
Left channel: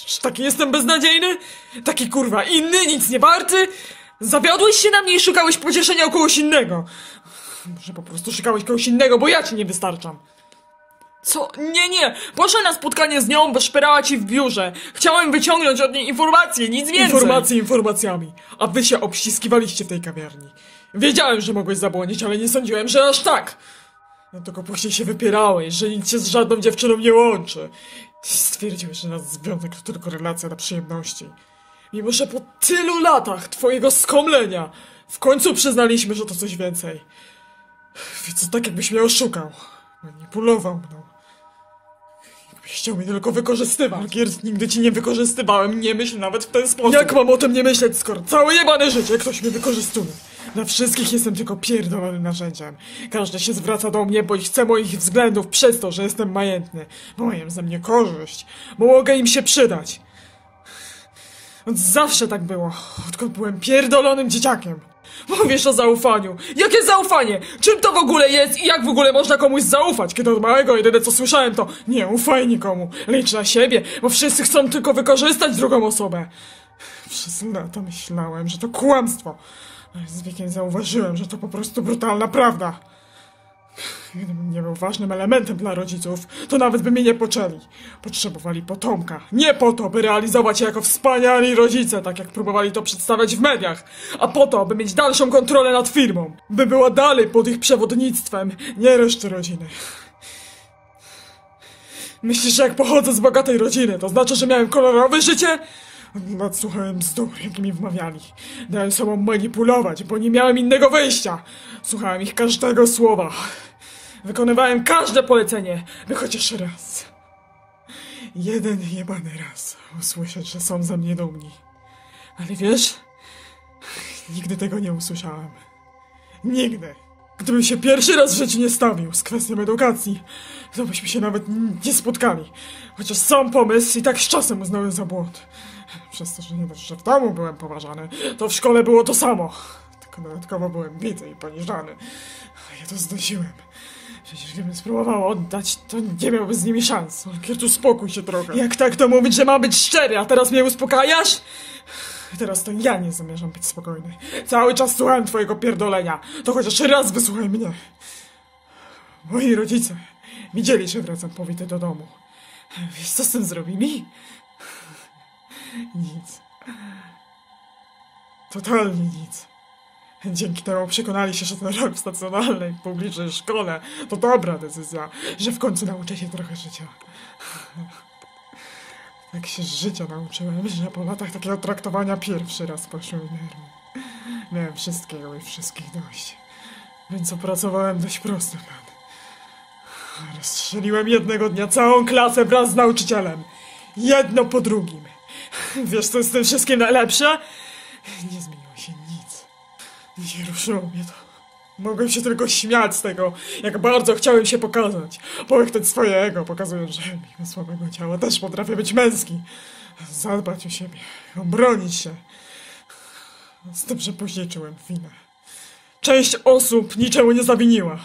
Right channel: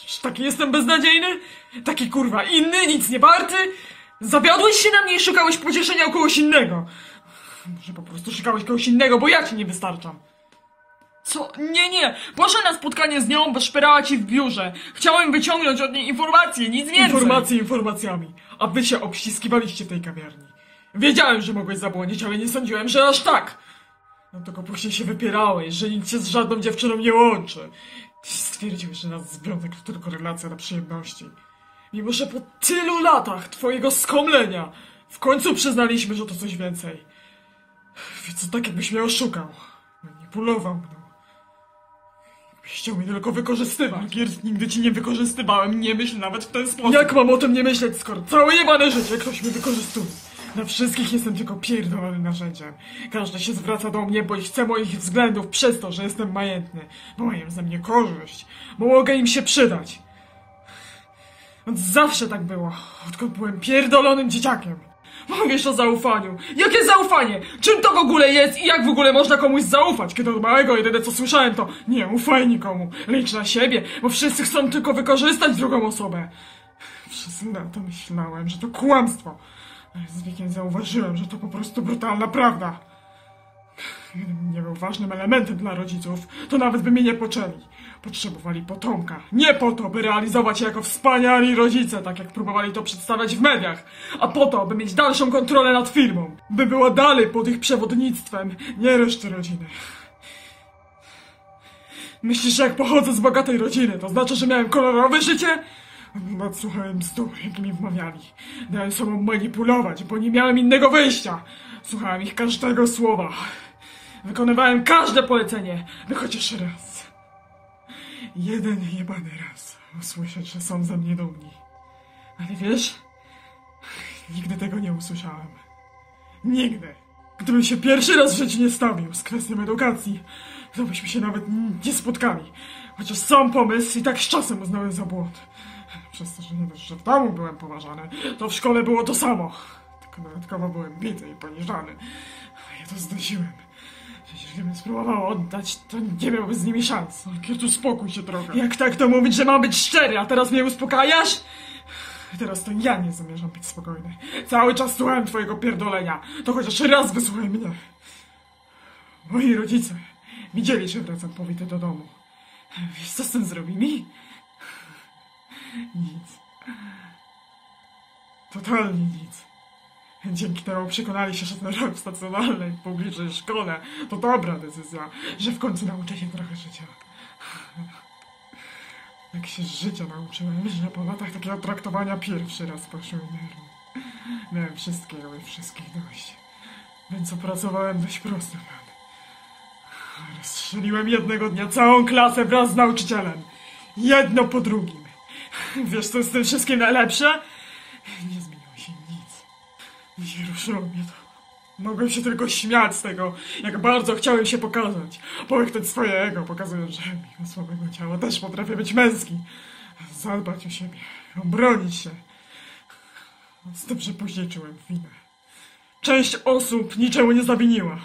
Czy taki jestem beznadziejny? Taki kurwa inny, nic nie warty? Zawiodłeś się na mnie i szukałeś pocieszenia u kogoś innego. Może po prostu szukałeś kogoś innego, bo ja ci nie wystarczam. Co? Nie. Poszedłem na spotkanie z nią, bo szperała ci w biurze. Chciałem wyciągnąć od niej informacje, nic więcej. Informacje informacjami. A wy się obściskiwaliście w tej kawiarni. Wiedziałem, że mogłeś zabłądzić, ale nie sądziłem, że aż tak. No tylko później się wypierałeś, że nic się z żadną dziewczyną nie łączy. Stwierdziłeś, że nasz związek to tylko relacja na przyjemności. Mimo że po tylu latach twojego skomlenia w końcu przyznaliśmy, że to coś więcej. Więc tak jakbyś mnie oszukał. Manipulował mną. Jakbyś chciał mnie tylko wykorzystywać. Margiers, nigdy ci nie wykorzystywałem, nie myśl nawet w ten sposób. Jak mam o tym nie myśleć, skoro całe jebane życie ktoś mnie wykorzystuje? Dla wszystkich jestem tylko pierdolonym narzędziem. Każdy się zwraca do mnie, bo chce moich względów przez to, że jestem majętny. Bo mają ze mnie korzyść. Bo mogę im się przydać. Od zawsze tak było. Odkąd byłem pierdolonym dzieciakiem. Mówisz o zaufaniu. Jakie zaufanie? Czym to w ogóle jest i jak w ogóle można komuś zaufać? Kiedy od małego jedyne co słyszałem to nie ufaj nikomu, licz na siebie, bo wszyscy chcą tylko wykorzystać drugą osobę. Przez lata myślałem, że to kłamstwo. Ale z wiekiem zauważyłem, że to po prostu brutalna prawda. Gdybym nie był ważnym elementem dla rodziców, to nawet by mnie nie poczęli. Potrzebowali potomka. Nie po to, by realizować się jako wspaniali rodzice, tak jak próbowali to przedstawiać w mediach, a po to, by mieć dalszą kontrolę nad firmą. By była dalej pod ich przewodnictwem, nie reszty rodziny. Myślisz, że jak pochodzę z bogatej rodziny, to znaczy, że miałem kolorowe życie? Słuchałem bzdur, jak mi wmawiali. Dałem sobą manipulować, bo nie miałem innego wyjścia. Słuchałem ich każdego słowa. Wykonywałem każde polecenie, by chociaż raz. Jeden jebany raz usłyszeć, że są ze mnie dumni. Ale wiesz, nigdy tego nie usłyszałem. Nigdy. Gdybym się pierwszy raz w życiu nie stawił z kwestią edukacji, to byśmy się nawet nie spotkali. Chociaż sam pomysł i tak z czasem uznałem za błąd. Przez to, że nie dość, że w domu byłem poważany, to w szkole było to samo. Tylko dodatkowo byłem bity i poniżany. A ja to znosiłem. Przecież gdybym spróbował oddać, to nie miałby z nimi szans. Kiert, uspokój się trochę. Jak tak to mówić, że mam być szczery, a teraz mnie uspokajasz? Teraz to ja nie zamierzam być spokojny. Cały czas słuchałem twojego pierdolenia. To chociaż raz wysłuchaj mnie. Moi rodzice widzieli, że wracam powity do domu. Wiesz, co z tym zrobili? Nic. Totalnie nic. Dzięki temu przekonali się, że ten rok w stacjonarnej, publicznej szkole to dobra decyzja, że w końcu nauczę się trochę życia. Tak się z życia nauczyłem, że po latach takiego traktowania pierwszy raz poszły nerwy. Miałem wszystkiego i wszystkich dość. Więc opracowałem dość prosty plan. Rozstrzeliłem jednego dnia całą klasę wraz z nauczycielem. Jedno po drugim. Wiesz, co jest z tym wszystkim najlepsze? Nie zmieniło się nic. Nie ruszyło mnie to. Mogłem się tylko śmiać z tego, jak bardzo chciałem się pokazać. Połyknąć swoje ego, pokazując, że mimo słabego ciała też potrafię być męski. Zadbać o siebie, obronić się. Z tym, że później czułem winę. Część osób niczemu nie zawiniła.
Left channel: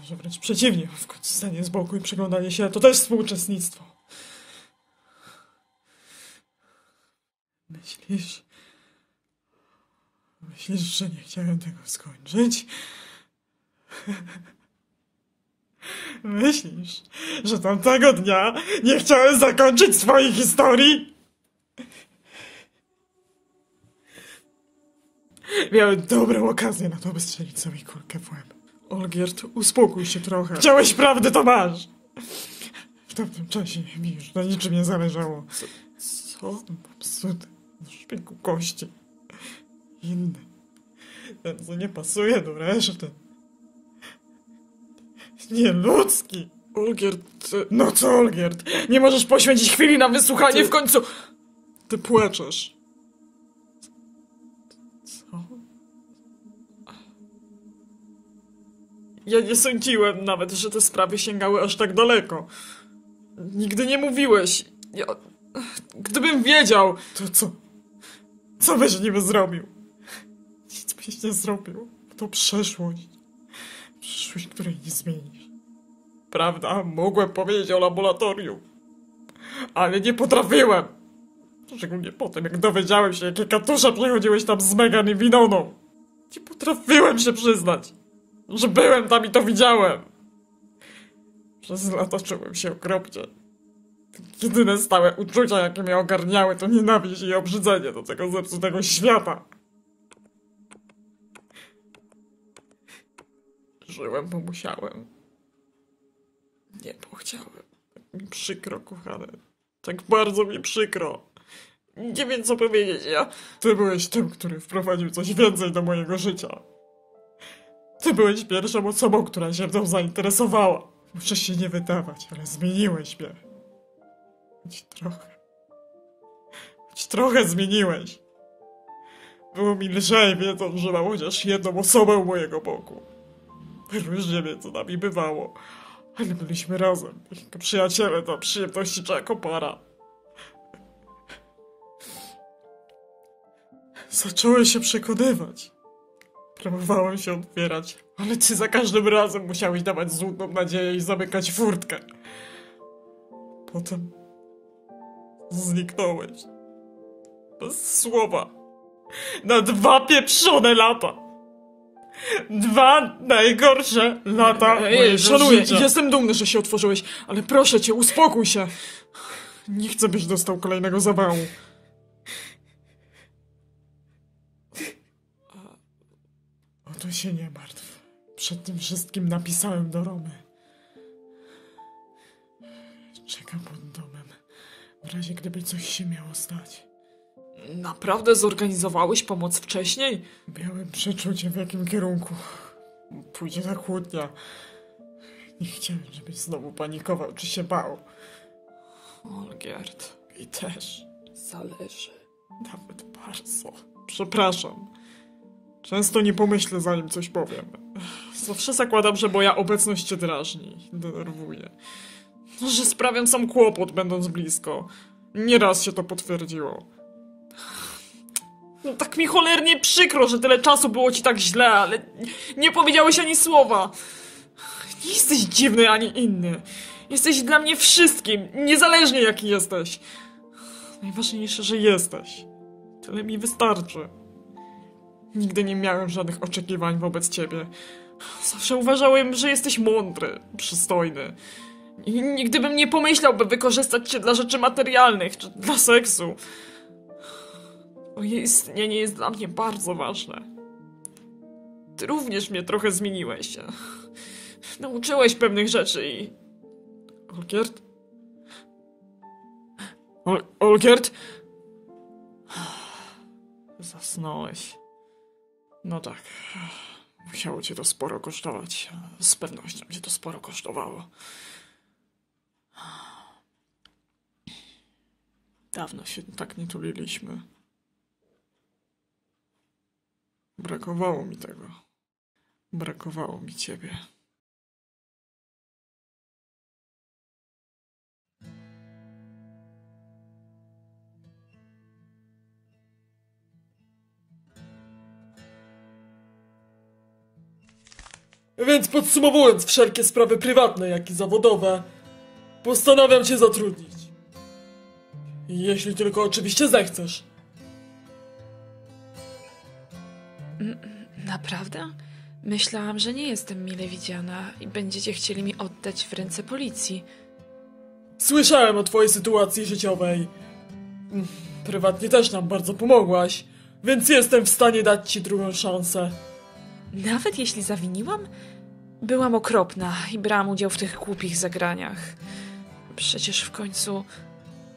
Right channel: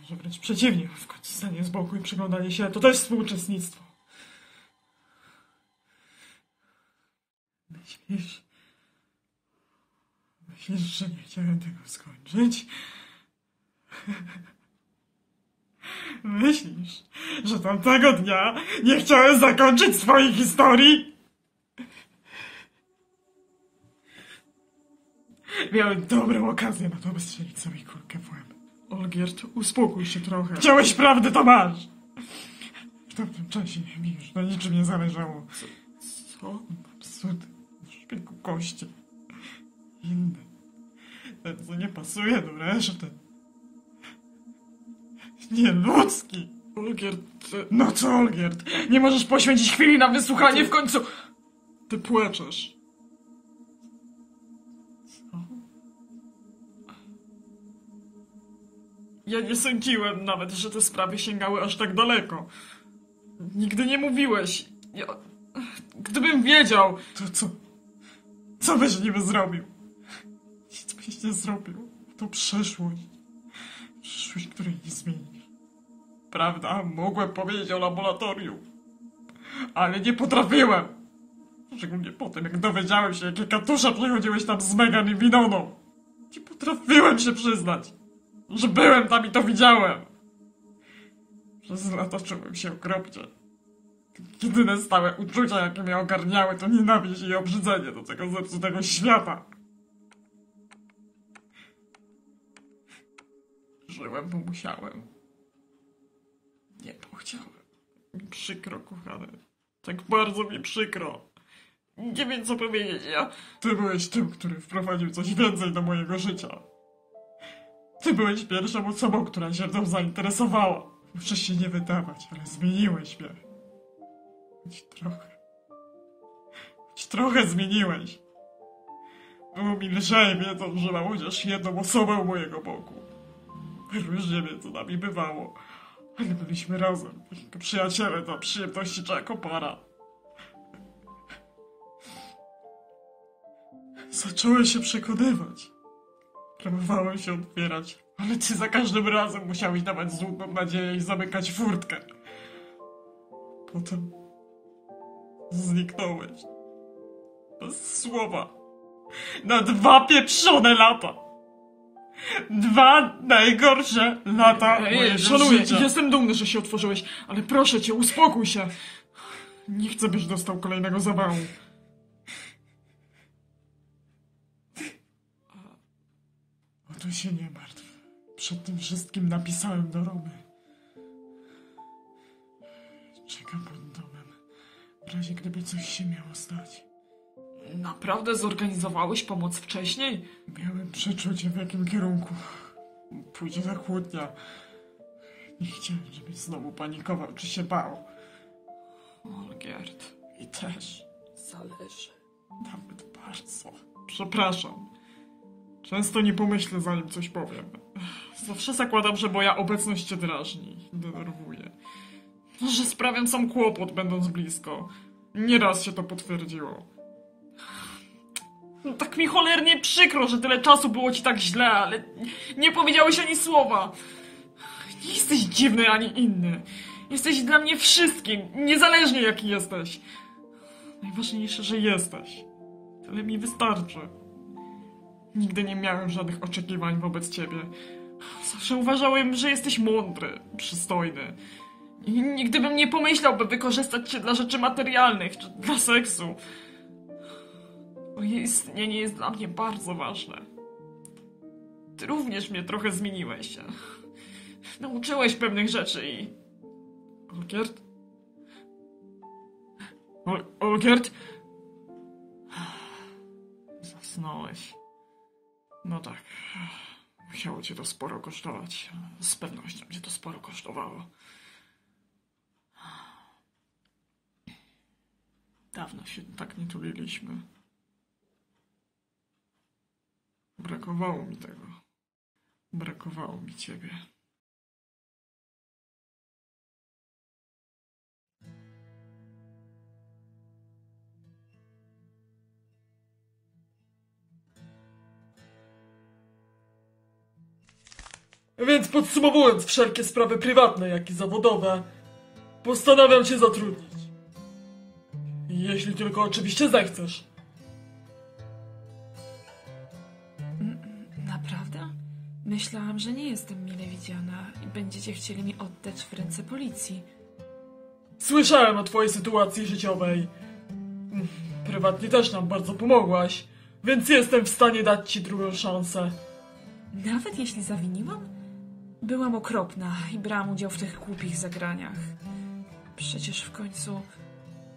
Może wręcz przeciwnie, w końcu stanie z boku i przyglądanie się to też współuczestnictwo. Myślisz, że nie chciałem tego skończyć? Myślisz, że tamtego dnia nie chciałem zakończyć swojej historii? Miałem dobrą okazję na to, by strzelić sobie kulkę w łeb. Olgierd, uspokój się trochę. Chciałeś prawdy, to masz! W tamtym czasie mi już na niczym nie zależało. Co? Absurd. W szpiku kości. Inny. Ten, co nie pasuje do reszty. Nieludzki. Olgierd... No co, Olgierd? Nie możesz poświęcić chwili na wysłuchanie w końcu... Ty płaczesz. Co? Ja nie sądziłem nawet, że te sprawy sięgały aż tak daleko. Nigdy nie mówiłeś. Gdybym wiedział... To co? Co byś niby zrobił? Nic byś nie zrobił. To przeszłość. Przyszłość, której nie zmienisz. Prawda? Mogłem powiedzieć o laboratorium. Ale nie potrafiłem. Szczególnie po tym, jak dowiedziałem się, jakie katusze przychodziłeś tam z Megan i Winoną. Nie potrafiłem się przyznać, że byłem tam i to widziałem. Przez lata czułem się okropnie. Jedyne stałe uczucia, jakie mnie ogarniały, to nienawiść i obrzydzenie do tego zepsutego świata. Żyłem, bo musiałem. Nie, bo chciałem. Tak mi przykro, kochane. Tak bardzo mi przykro. Nie wiem, co powiedzieć. Ty byłeś tym, który wprowadził coś więcej do mojego życia. Ty byłeś pierwszą osobą, która się mną zainteresowała. Muszę się nie wydawać, ale zmieniłeś mnie. Choć trochę zmieniłeś. Było mi lżej, wiedząc, że mam chociaż jedną osobę u mojego boku. Różnie między nami bywało, ale byliśmy razem, jako przyjaciele do przyjemności czy jako para. Zacząłem się przekonywać. Próbowałem się otwierać, ale ty za każdym razem musiałeś dawać złudną nadzieję i zamykać furtkę. Potem zniknąłeś. Bez słowa. Na 2 pieprzone lata. 2 najgorsze lata mojego życia. Jestem dumny, że się otworzyłeś, ale proszę cię, uspokój się. Nie chcę, byś dostał kolejnego zawału. O to się nie martw. Przed tym wszystkim napisałem do Romy. Czekam pod domem. W razie gdyby coś się miało stać. Naprawdę zorganizowałeś pomoc wcześniej? Miałem przeczucie, w jakim kierunku pójdzie ta kłótnia. Nie chciałem, żebyś znowu panikował czy się bał. Olgierd, i też. Zależy. Nawet bardzo. Przepraszam. Często nie pomyślę, zanim coś powiem. Zawsze zakładam, że moja obecność cię drażni, denerwuje. Że sprawiam sam kłopot, będąc blisko. Nieraz się to potwierdziło. No, tak mi cholernie przykro, że tyle czasu było ci tak źle, ale nie powiedziałeś ani słowa. Nie jesteś dziwny ani inny. Jesteś dla mnie wszystkim, niezależnie jaki jesteś. Najważniejsze, że jesteś. Tyle mi wystarczy. Nigdy nie miałem żadnych oczekiwań wobec ciebie. Zawsze uważałem, że jesteś mądry, przystojny. I nigdy bym nie pomyślał, by wykorzystać cię dla rzeczy materialnych, czy dla seksu. Twoje istnienie jest dla mnie bardzo ważne. Ty również mnie trochę zmieniłeś. Nauczyłeś pewnych rzeczy i... Olgierd? Olgierd? Zasnąłeś. No tak. Musiało cię to sporo kosztować. Z pewnością cię to sporo kosztowało. Dawno się tak nie tuliliśmy. Brakowało mi tego. Brakowało mi ciebie. Więc podsumowując wszelkie sprawy prywatne, jak i zawodowe, postanawiam cię zatrudnić. Jeśli tylko oczywiście zechcesz. Naprawdę? Myślałam, że nie jestem mile widziana i będziecie chcieli mi oddać w ręce policji. Słyszałem o twojej sytuacji życiowej. Prywatnie też nam bardzo pomogłaś, więc jestem w stanie dać ci drugą szansę. Nawet jeśli zawiniłam? Byłam okropna i brałam udział w tych głupich zagraniach. Przecież w końcu...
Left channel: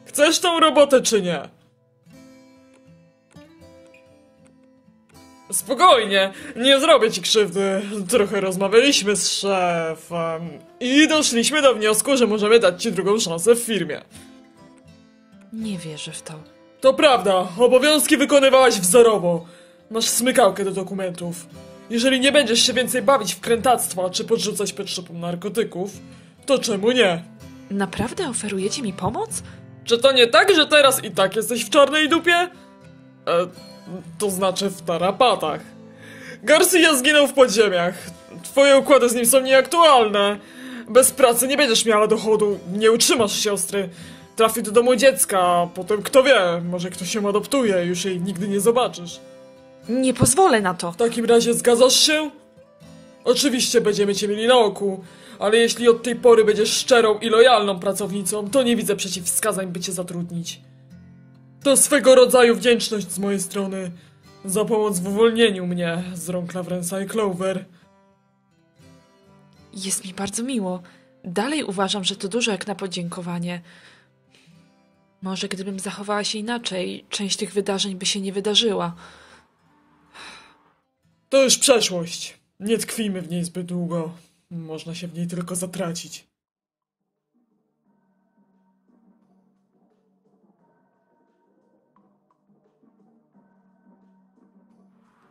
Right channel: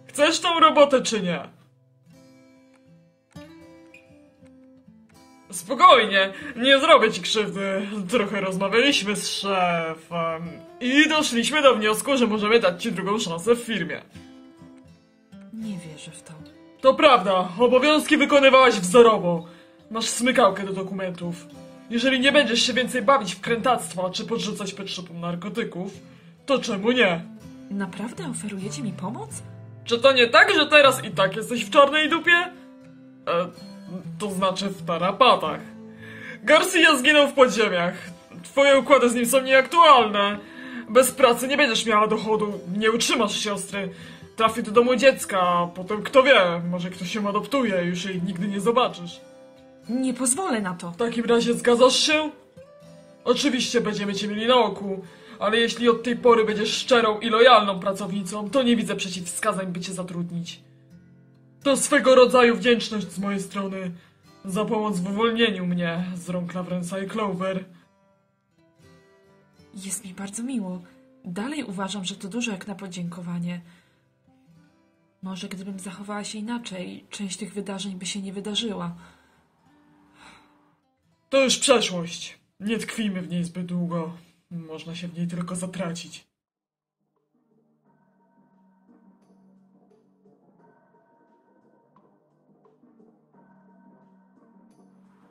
Chcesz tą robotę czy nie? Spokojnie, nie zrobię ci krzywdy. Trochę rozmawialiśmy z szefem i doszliśmy do wniosku, że możemy dać ci drugą szansę w firmie. Nie wierzę w to. To prawda, obowiązki wykonywałaś wzorowo. Masz smykałkę do dokumentów. Jeżeli nie będziesz się więcej bawić w krętactwa czy podrzucać potrzebą narkotyków, to czemu nie? Naprawdę oferujecie mi pomoc? Czy to nie tak, że teraz i tak jesteś w czarnej dupie? To znaczy w tarapatach. Garcia zginął w podziemiach. Twoje układy z nim są nieaktualne. Bez pracy nie będziesz miała dochodu, nie utrzymasz siostry. Trafi do domu dziecka, a potem kto wie, może ktoś ją adoptuje, już jej nigdy nie zobaczysz. Nie pozwolę na to. W takim razie zgadzasz się? Oczywiście będziemy cię mieli na oku, ale jeśli od tej pory będziesz szczerą i lojalną pracownicą, to nie widzę przeciwwskazań, by cię zatrudnić. To swego rodzaju wdzięczność z mojej strony za pomoc w uwolnieniu mnie z rąk Lawrensa i Clover. Jest mi bardzo miło. Dalej uważam, że to dużo jak na podziękowanie. Może gdybym zachowała się inaczej, część tych wydarzeń by się nie wydarzyła. To już przeszłość. Nie tkwijmy w niej zbyt długo. Można się w niej tylko zatracić.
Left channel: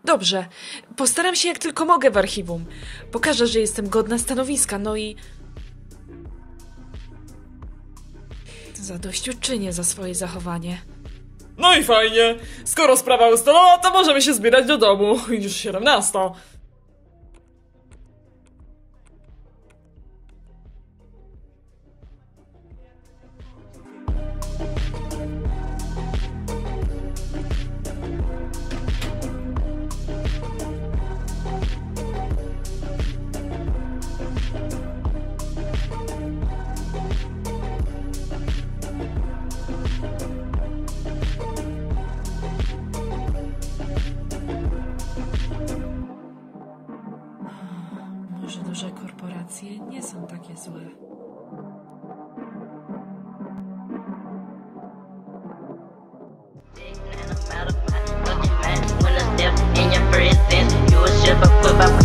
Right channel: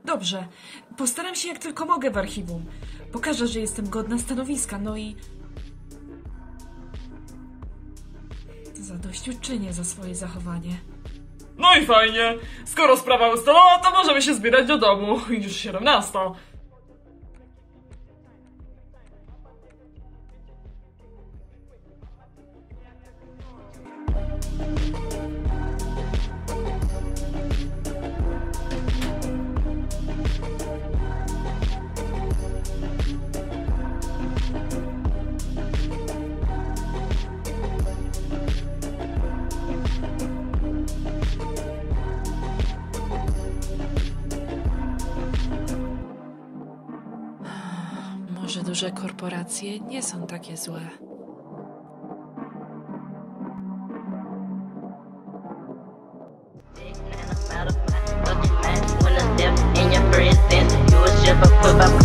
Dobrze, postaram się jak tylko mogę w archiwum. Pokażę, że jestem godna stanowiska, no i... zadośćuczynię za swoje zachowanie. No i fajnie. Skoro sprawa ustalona, to możemy się zbierać do domu. Już 17. Może duże korporacje nie są takie złe. In your presence, you a shiver, put my